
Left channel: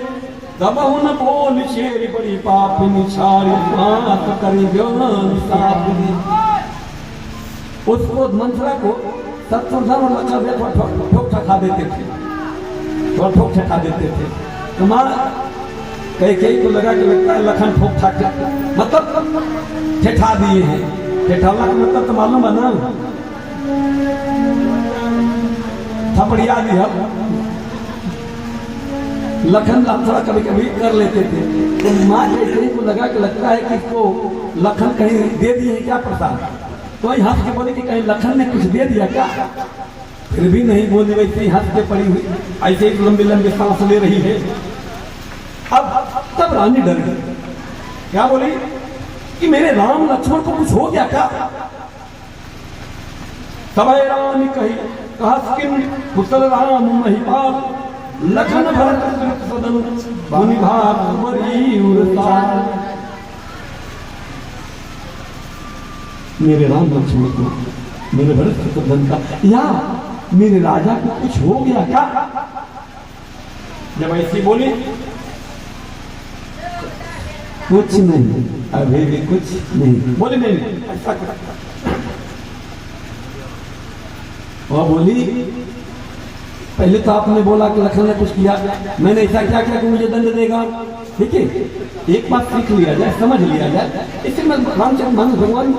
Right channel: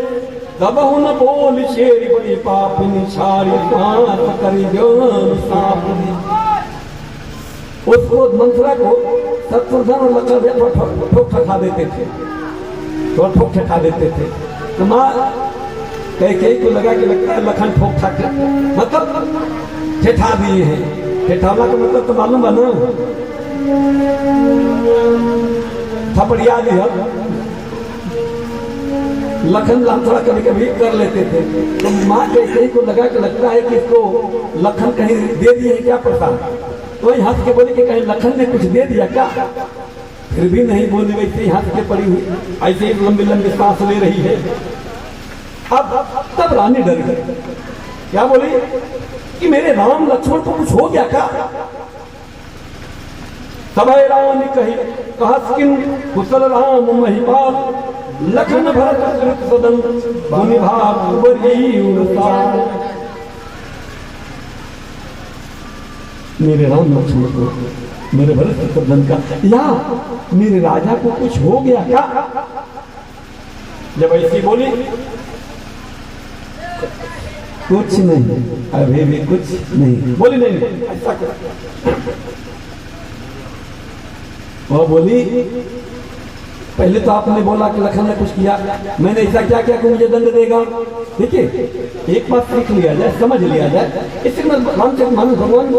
तब न बोल शेर बड़ी पापनी छारी सांस करी उसको मंथरा को शत्रुघ्न और लखन ठोक ठका देते थे, और ठोक ठका देते थे। तो माँ कैकेयी को लगा के लगता है लखन ठोक ठक मतलब ठेठा दिए हैं। ठेठावला का मतलब तो मालूम है ना, थपड़िया दिया। लखन थोड़ा कभी कभी कर लेते थे, तो माँ कैकेयी को लगा के लगता है कि इसको लखन कहीं दे दिए क्या प्रसाद, तो ही हंस के बोले कि कहीं लखन ने कुछ दे दिया क्या। फिर भी नहीं बोले, वैसे ही हंस के पड़ी हुई, ऐसे ही लंबी लंबी सांस ले रही है। अब तब रानी डर गई, क्या बोली कि मेरे राम लक्ष्मण को कुछ हो गया क्या। तब रानी कही कहस्किन कुशल राम महिपाल, लखन भरत कृत सदन भूमि भाग बरी उरसाल। मेरे राम लक्ष्मण को, मेरे भरत शत्रुघ्न का या मेरे राजा को कुछ हो गया क्या। जब ऐसी बोली कुछ नहीं, अभी भी कुछ नहीं बोली, नहीं ऐसा कर। वह बोली पहले तो आपने बोला कि लखन ने कुछ किया, मैंने ऐसा क्या किया कि मुझे दंड देगा। ठीक है, एक बात सीख लिया जाए, समझ लिया जाए, इससे रामचंद्र भगवान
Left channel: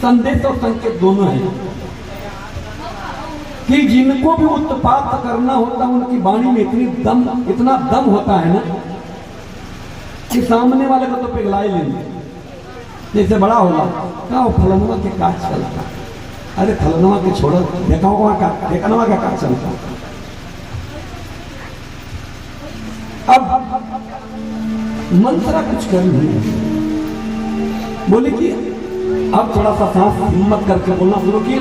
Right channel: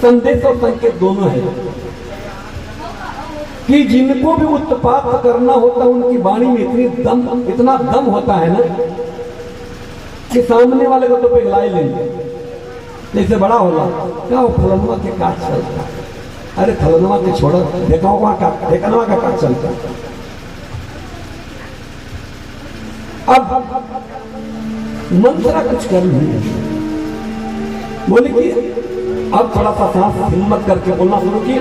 संदेश और संकेत दोनों है कि जिनको भी उत्पात करना होता है उनकी वाणी में इतना दम होता है ना कि सामने वाले को तो पिघला ही लेंगे। जैसे बड़ा होला क्या हो फलनुआ के काज चलता, अरे फलनुआ के छोड़ो देखनवा का काज चलता। अब मंत्रा कुछ कर नहीं बोले कि अब थोड़ा सा सांस हिम्मत करके बोलना शुरू किए।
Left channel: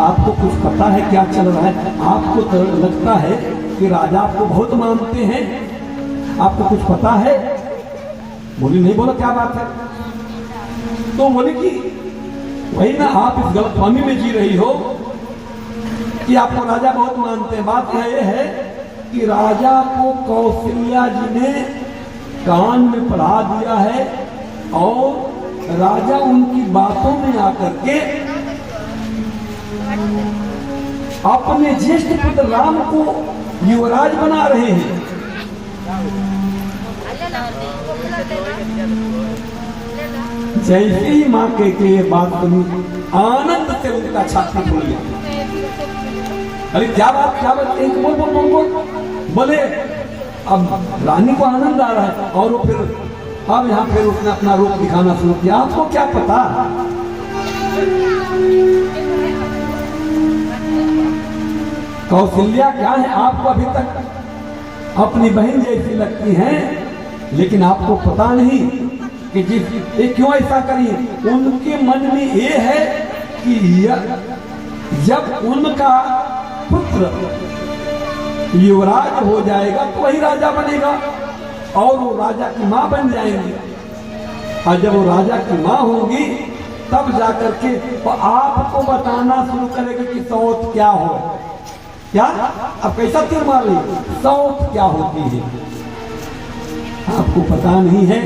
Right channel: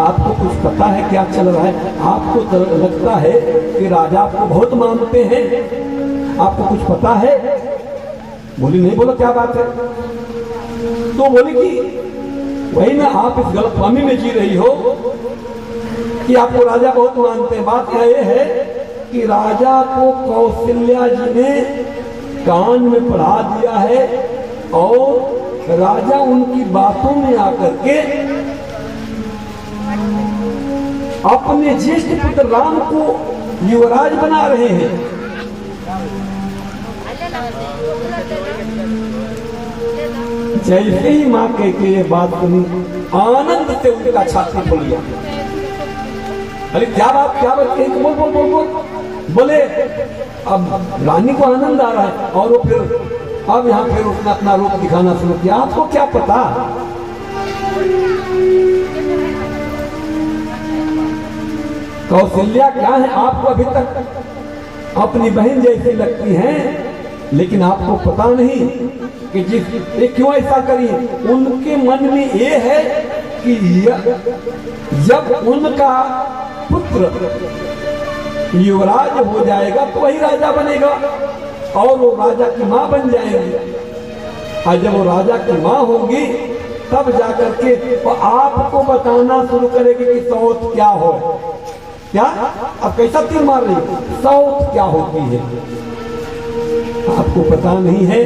आपको कुछ पता है क्या चल रहा है, आपको तो लगता है कि राजा आपको बहुत मानते हैं, आपको कुछ पता है। बोली नहीं, बोलो क्या बात है। तो बोले कि वही ना, आप इस गलतफहमी में जी रही हो कि आपको राजा बहुत मानते हैं। बात यह है कि राजा को कौशल्या जी ने कान में पढ़ा दिया है और राजा उनकी बातों में आकर के अपने ज्येष्ठ पुत्र राम को युवराज बना रहे हैं। जैसे ही मां के बात सुनी, आनंद से उनका छाती खुल गया। अरे क्या बात बोल बोल बोल बोल बोले। अब रानी को आनंद आ रहा है और वो फिर अब यहाँ फिर उसने अपना रूप दिखाना शुरू किया। आपको क्या पता, कौशल्या क्या है, आपको अभी तक अपनी बहन जैसी लगती हैं, लेकिन आपको पता नहीं कि ये क्यों ऐसा करी। उनके मन में ये है कि जब उनका पुत्र युवराज हो जाएगा तो वही राजा बनेगा और वो राजा की मां बन जाएंगे, और जब वो राजा की मां होगी तब जाकर के वो आपको बताना शुरू करेगी कि सौत क्या हो। क्या अब कैसा तीर मार रही, सौत क्या होती है आपको पता नहीं है।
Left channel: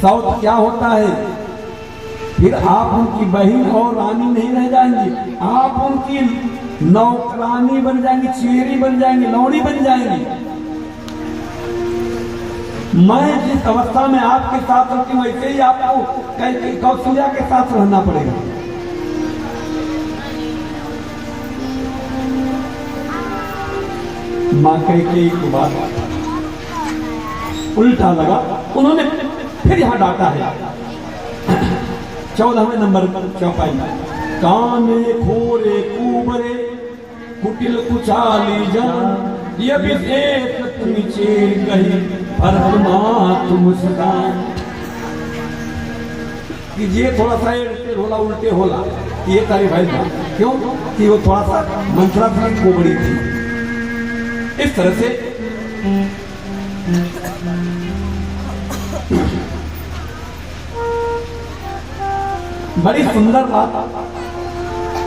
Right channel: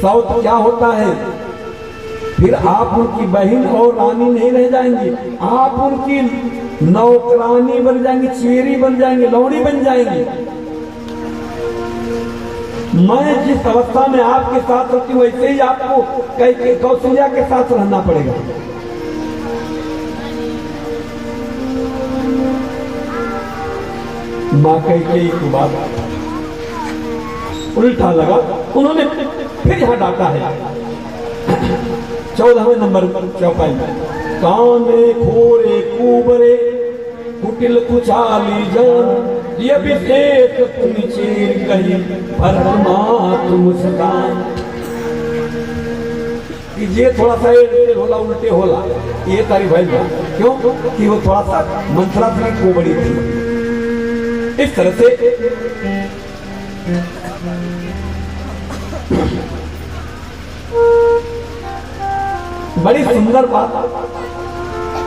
सौत क्या होता है, फिर आप उनकी बहन और रानी नहीं रह जाएंगी, आप उनकी नौकरानी बन जाएंगी, चेरी बन जाएंगी, लौड़ी बन जाएंगी। मैं जिस अवस्था में आपके साथ रहती हूँ वैसे ही आपको कौशल्या के साथ रहना पड़ेगा। मां कैकेयी की बात उल्टा लगा, उन्होंने फिर यहां डांटा है 14वें नंबर चौपाई में, काने खोरे कुबरे कुटिल कुचाली जान, ये विशेष तुम चेर कही परमा तुम सदान। कि ये थोड़ा सा होला उल्टे होला, ये तारी भाई क्यों कि वो थोड़ा सा मंत्रा थी कोबड़ी थी। इस तरह से बड़ी सुंदर बात,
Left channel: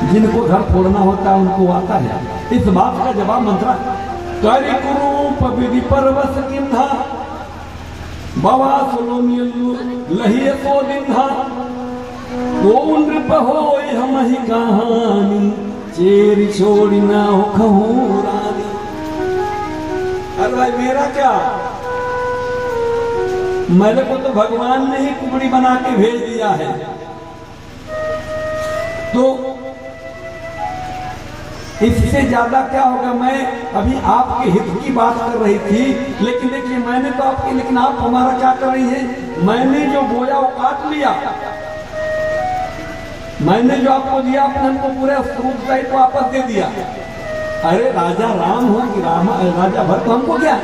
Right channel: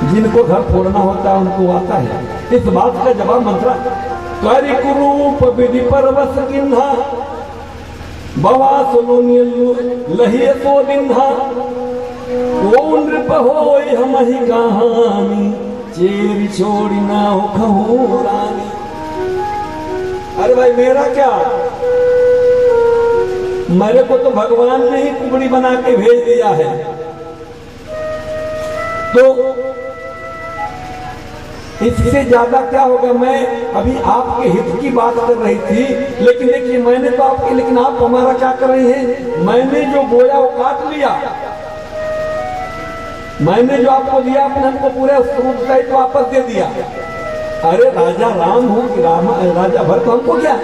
जिनको घर फोड़ना होता है उनको आता है। इस बात का जवाब मंत्रा करि कुरूप विधि परवस किन्हा बवा सुनियु लहिए सो दिन्हा, वो नृप होय हम ही कहानी चेर छोड़ी ना हो कहूं रानी। अरे भाई मेरा क्या, मेरे को तो भगवान ने ही कुबड़ी बना के भेज दिया है, तो इससे ज्यादा क्या होगा। मैं अभी आपके हित की बात कर रही थी, लेकिन देखिए मैंने तो आपके, लेकिन आप हमारा क्या कर रही हैं। मैंने जो बोया वो काट लिया, मैंने जो आपको दिया अपने हमको पूरे स्रोत सहित वापस दे दिया। अरे राजा राम हो कि राजा भरत, हमको क्या,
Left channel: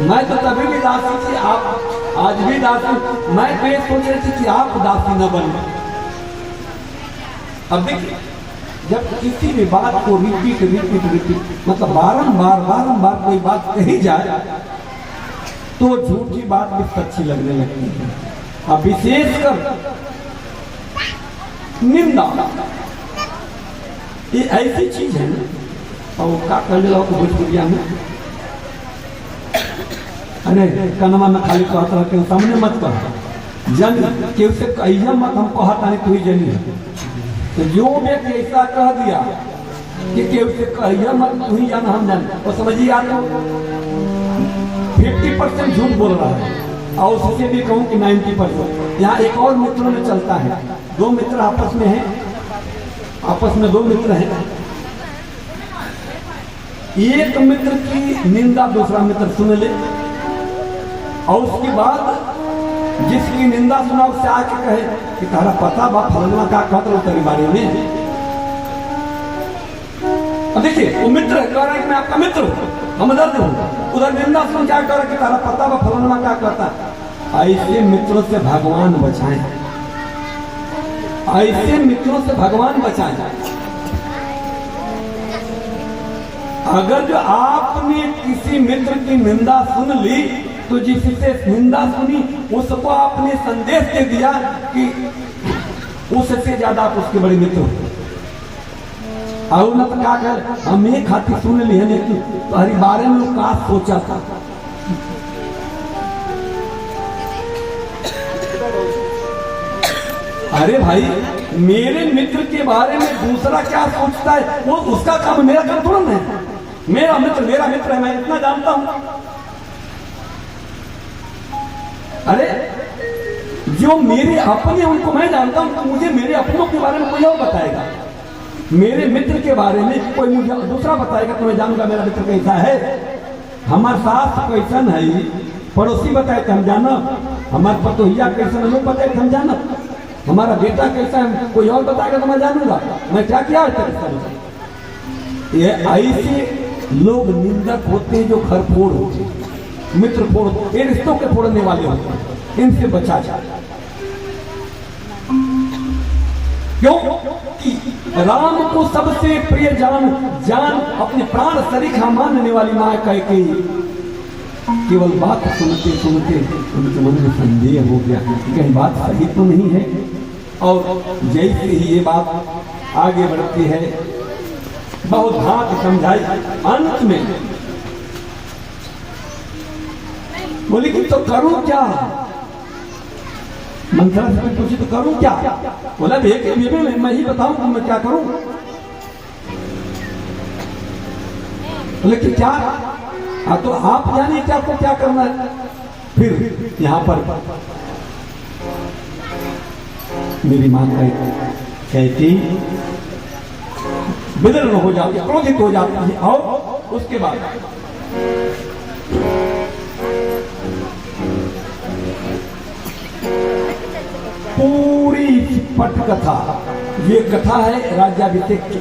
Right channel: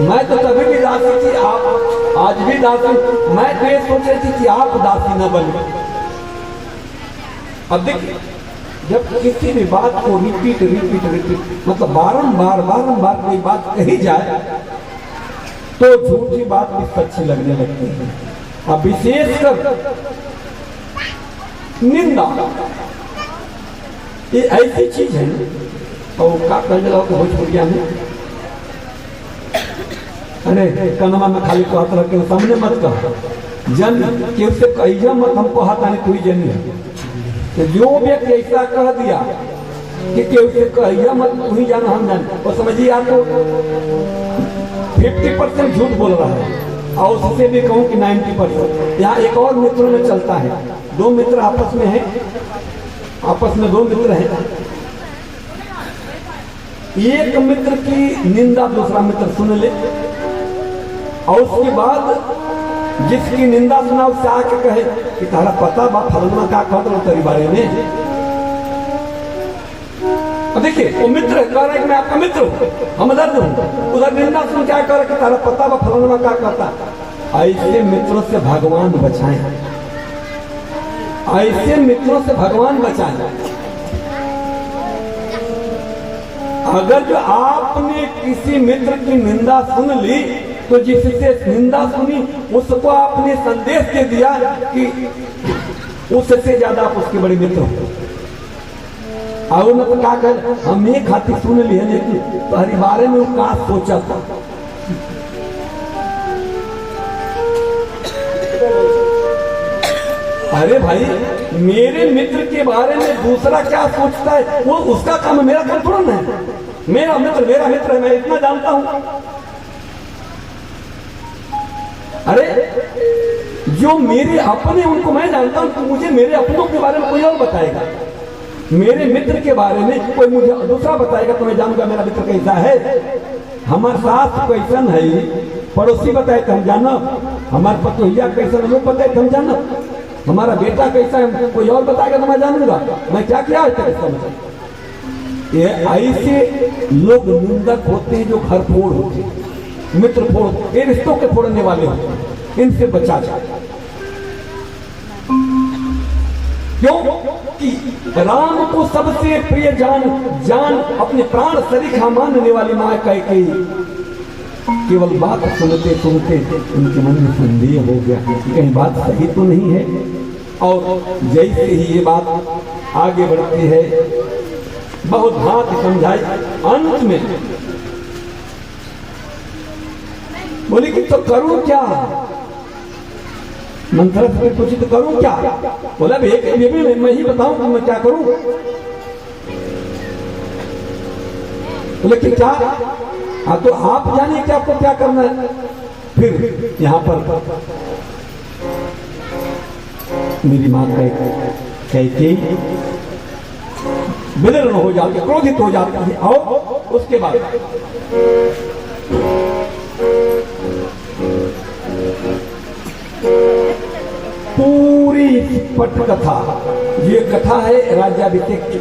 मैं तो तभी भी दासी थी, आप आज भी दासी। मैं तो ये सोच रही थी कि आप दासी न बन। अब देखिए जब किसी भी बात को रिपीट मतलब बारंबार कोई बात कही जाए तो झूठी बात भी सच्ची लगने लगती है। अब विशेषकर निंदा ये ऐसी चीज है और का कर लो भोजपुरिया में, अरे कनमा न खाली को हाथ रखे सामने मत कर जन के उससे कहिया मत हमको हाथ आने तू ही जनी है। तो जो व्यक्ति ऐसा कह दिया कि केहू से कहिया मत तू ही जान हम जान, और समझिए आप 50% झूठ बोल रहा है और उससे भी कहूं कि 90%। यहाँ एक और मित्रों में चलता है, दो मित्र आपस में हैं, आपस में दो मित्र हैं, एक मित्र की निंदा दूसरा मित्र सुन ले और उसके बाद जिसकी निंदा सुना उससे आके कहे कि तारा पता बा फलना क्या कहता तेरी बारे में। देखिए वो मित्र कह रहा है कि मैं आपका मित्र हूं, हम दर्द हूं, उधर निंदा सुन क्या कह रहा है कि तारा पता बा फलना क्या कहता। ऐसे मित्रों से भगवान बचाएं, ऐसे मित्रों से भगवान बचाएं। अगर जो आपने किसी मित्र की निंदा सुन ली तो जिससे निंदा सुनी उसको आपने संदेश दे दिया कि उससे ज्यादा आप उसके बड़े मित्र हो। और मत क्या कर हम एक हाथी सुन लिए लेकिन तुम्हारे बारे में क्या सोचा था। अरे भाई मेरे मित्र के बारे में दूसरा क्या सोचता है वो उसका काम, मेरा काम थोड़ा ना है। मेरा मित्र है, मैं इतना जानता हूं। अरे जो मेरे अपने उनको मैं जानता हूं तो मुझे मेरे अपनों के बारे में कोई और बताएगा, मेरे मित्र के बारे में कोई मुझे दूसरा बताएगा तो मैं जानूंगा मेरा मित्र कैसा है। हमारा सास कैसन है पड़ोसी बताए तो हम जाना, हमारे पतोहिया कैसा हमें बताए तो हम जाना, हमारा बेटा कैसा है कोई और बताएगा तो मैं जानूंगा मैं क्या किया है। ये ऐसे लोग निंदक होते हैं जो खरफोड़ होते हैं। मित्र फोड़, ये रिश्तों के फोड़ने वाले होते हैं, इनसे बचा जाए। क्यों कि राम को सबसे प्रिय जान अपने प्राण सरीखा मानने वाली मां कैकेयी केवल बात सुनते सुनते उनके मन में संदेह हो गया कि कहीं बात सही तो नहीं है। और जैसे ही ये बात आगे बढ़ती है, बहुत भांति समझाई, अंत में बोली कि तो करूं क्या? मंथरा से पूछी तो करूं क्या? बोला मैं ही बताऊं तो मैं क्या करूं? बोले कि क्या? हाँ तो आप जानिए कि आपको क्या करना है। फिर यहां पर मेरी मां कहती विदर्ण हो जाती, क्रोधित हो जाती है। और उसके बाद पूरी पट कथा, ये कथा है राज्याभिषेक की,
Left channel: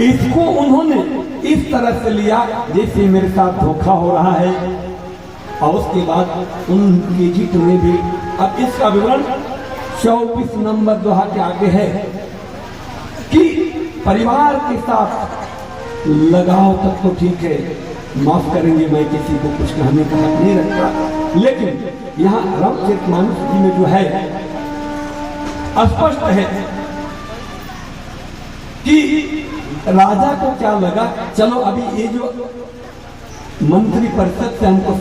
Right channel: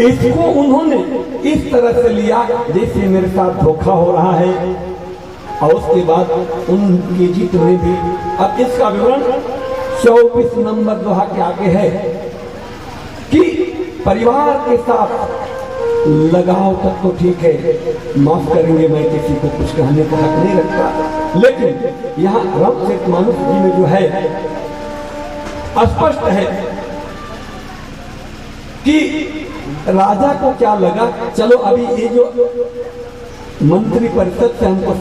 इसको उन्होंने इस तरह से लिया जैसे मेरे साथ धोखा हो रहा है। और उसके बाद उनके चित्र में भी, अब इसका विवरण 24 नंबर दोहा के आगे है कि परिवार के साथ लगाव तक तो ठीक है, माफ करेंगे, मैं किसी को कुछ कहने का हक नहीं रखता, लेकिन यहाँ रामचरितमानस जी में जो है स्पष्ट है कि राजा को क्या लगा, चलो अभी ये जो मंत्री परिषद से हमको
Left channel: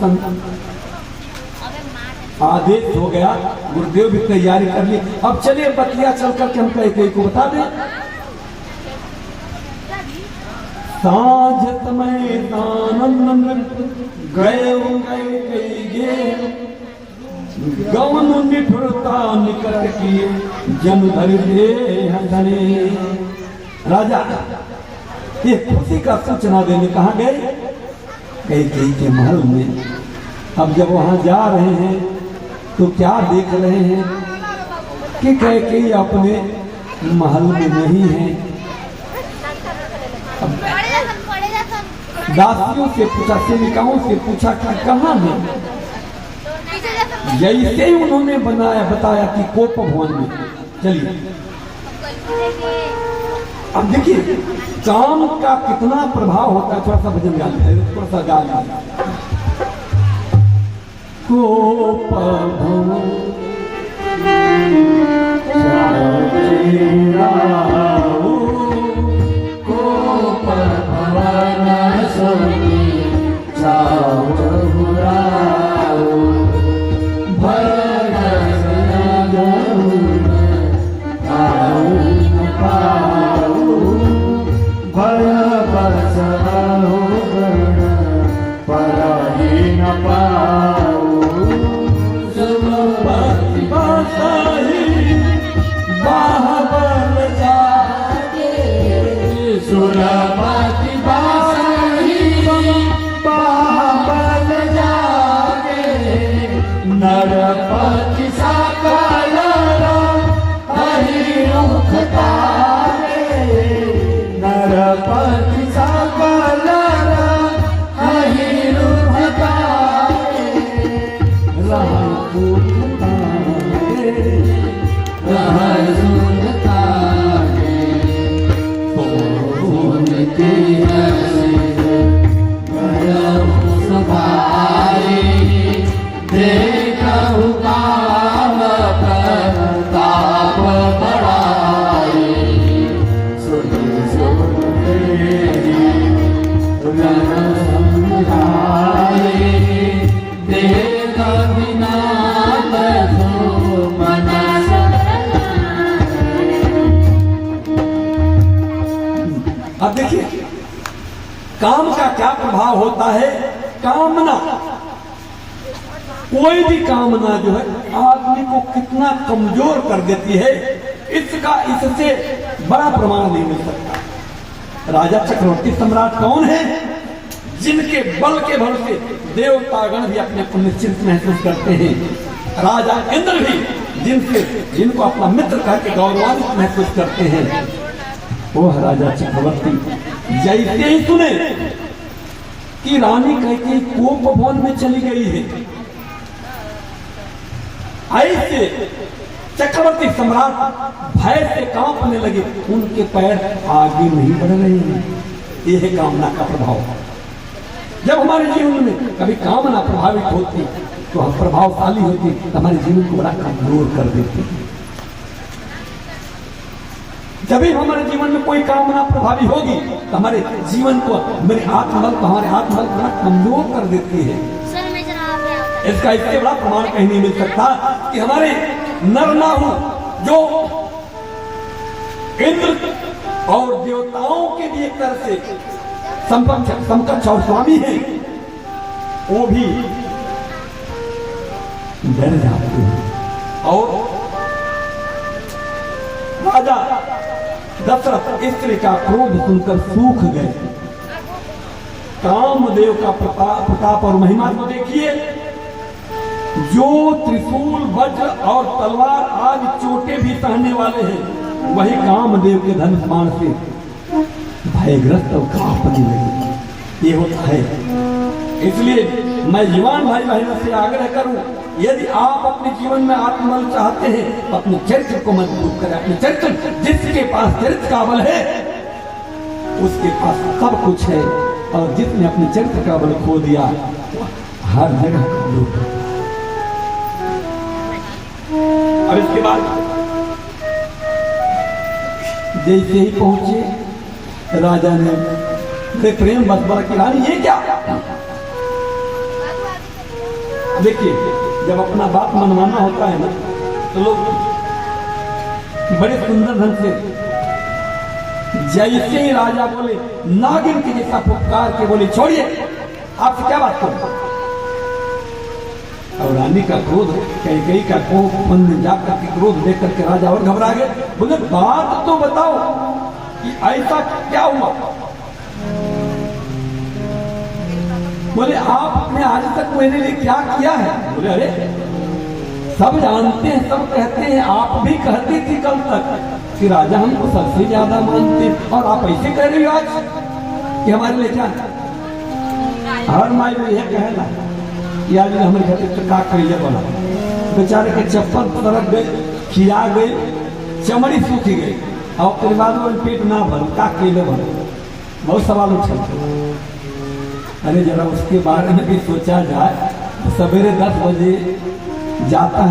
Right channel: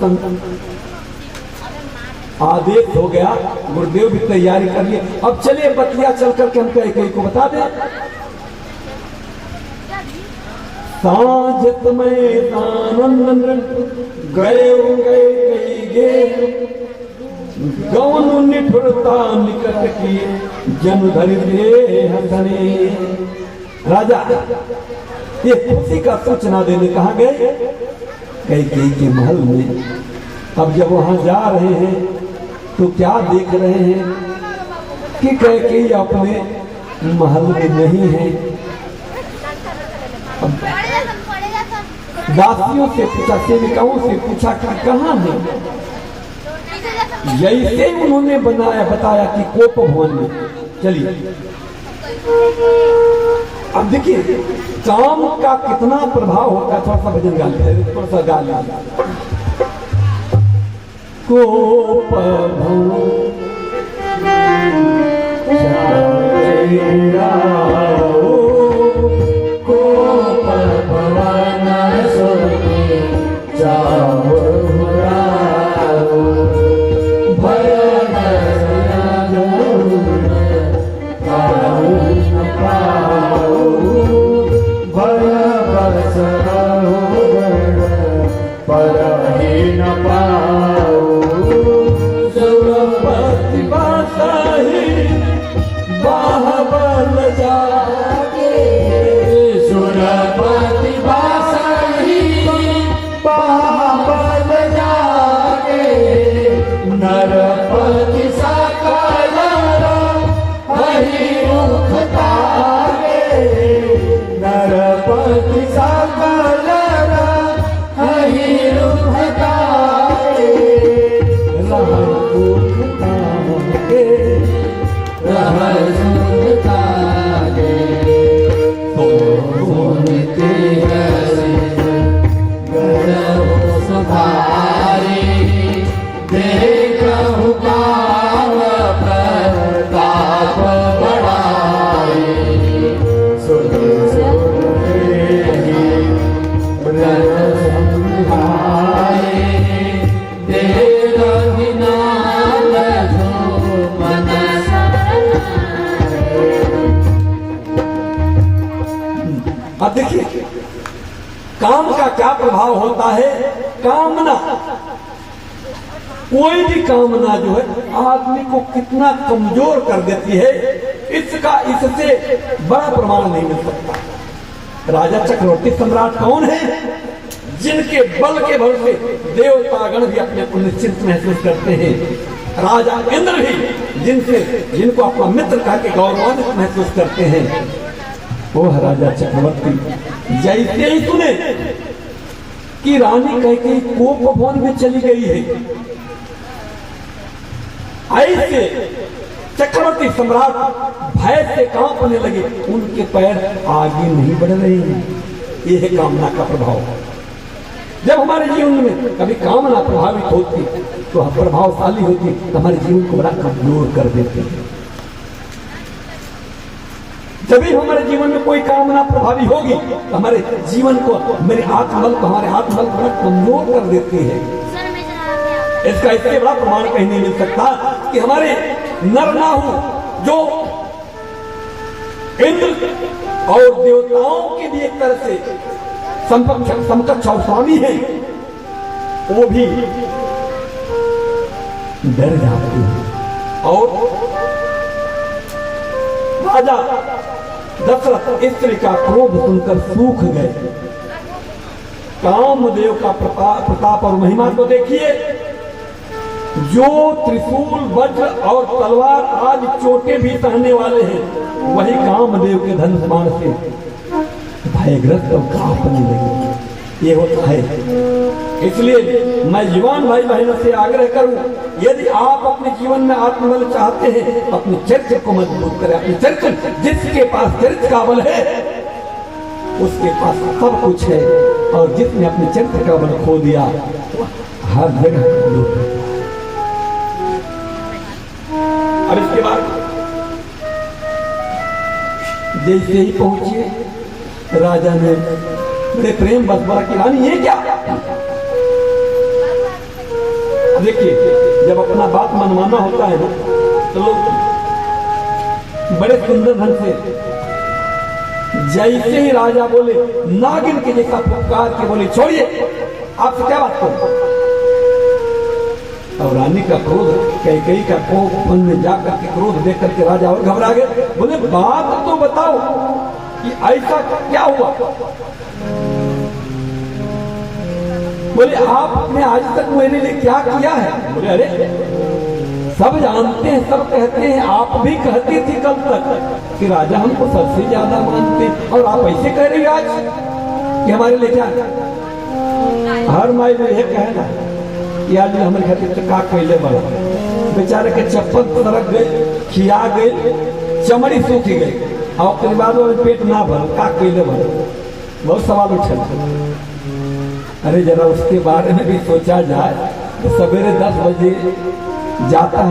आदेश हो गया, गुरुदेव भी तैयारी कर ली, अब चलिए बतिया चल करके हम कैकेयी को बता दें। साझत मैदान गए गौन निठुरता निकट की जन धर दे हथरे। राजा ये खुशी का सूचना देने कहा गए कैकेयी के महल में। अब जब वहां जा रहे हैं तो क्या देख रहे हैं कि कैकेयी अपने महल में नहीं है। दासियों से पूछा, सेविकाओं से पूछा कि कहाँ है। जैसे ही उन्होंने बताया कि कोप भवन में। चलिए अब देखिए काम का कितना प्रभाव होता है। थोड़ा सा भजन गा लेते हैं, थोड़ा सा गा लेते हैं। कोप भवन अब देखिए काम का क्या प्रभाव होता है। कामना, कोई भी कामना जो है आदमी को कितना कमजोर कर देती है, इसका इससे बड़ा प्रमाण नहीं मिल सकता। राजा चक्रवर्ती सम्राट कौन है? जिनके बल के भरोसे देवतागण भी अपने को निश्चिंत महसूस करते हैं। राजा इंद्र भी जिनको अपना मित्र कह के गौरवान्वित महसूस करते हैं। वो राजा चक्रवर्ती जैसे ही सुने कि रानी कहती कोप भवन में चली गई है। ऐसे चक्रवर्ती सम्राट भय से कांपने लगे, उनके पैर आगे नहीं बढ़ रहे हैं। यह है कामना का प्रभाव। जब हमारे जीवन में कभी कामना प्रभावित होती तो हम प्रभावशाली होती, तो हमारे जीवन को बड़ा कमजोर कर देते हैं। जब भी हमारे जीवन में कोई कामना प्रभावी होगी तो हमारे जीवन को, मेरे आत्मबल को, हमारे आत्मबल को बड़ा कमजोर कर देते हैं। इसका इससे बड़ा प्रमाण कहीं नहीं मिल सकता कि हमारे नरनाहु जो इंद्र और देवताओं के भी एक तरह से समकक्ष और स्वामी है, वो भी डर जाते हैं। और राजा दशरथ स्त्री का क्रोध सुनकर सूख गए। कामदेव का प्रताप और महिमा तो देखिए, जो त्रिशूल वज्र और तलवार आज चोटे भी सहने वाले हैं, वही कामदेव के धनुष बाण से भयग्रस्त और कांपने लगे। ये होता है। इसलिए मैं युवान भाई बहनों से आग्रह करूं, यदि आप अपने जीवन में आत्मबल चाहते हैं तो अपने चरित्र को मजबूत करें। अपने चरित्र, जिसके पास चरित्र का बल है उसके पास सब कुछ है, और जिसने अपने चरित्र का बल खो दिया हर जगह कमजोर है। और इसके बाद जैसे ही पहुंचे राजा ने प्रेम बस बोला कि रानी ये क्या। देखिए, जब अपना बात मनवाना होता है ना तो लोग बड़े सुंदर ढंग से, जैसे ही राजा बोले नागिन के जैसा फुफकार के बोले छोड़िए, आपसे क्या बात करूं। और रानी का क्रोध, कैकेयी का कोप मन में जाकर के क्रोध देख करके राजा और घबरा गए। बोले बात तो बताओ कि ऐसा क्या हुआ। बोले आपने आज तक मेरे लिए क्या किया है। बोले अरे सब जानते हैं, सब कहते हैं, आप भी कहती थी कल तक कि राजा हमको सबसे ज्यादा मानते, और आप ऐसे कह रही आज कि हमारे लिए क्या। हर माई में यह कहना कि आज हमारे घर का कैले बना, बेचारे के चप्पल सरक गए, खिया गए, चमड़ी सूखी गई, और परिवारों में पेट ना भर, का कैले बना। बहुत सवाल उठे। अरे जरा उसके बारे में भी सोचा जाए। सवेरे 10 बजे जाता है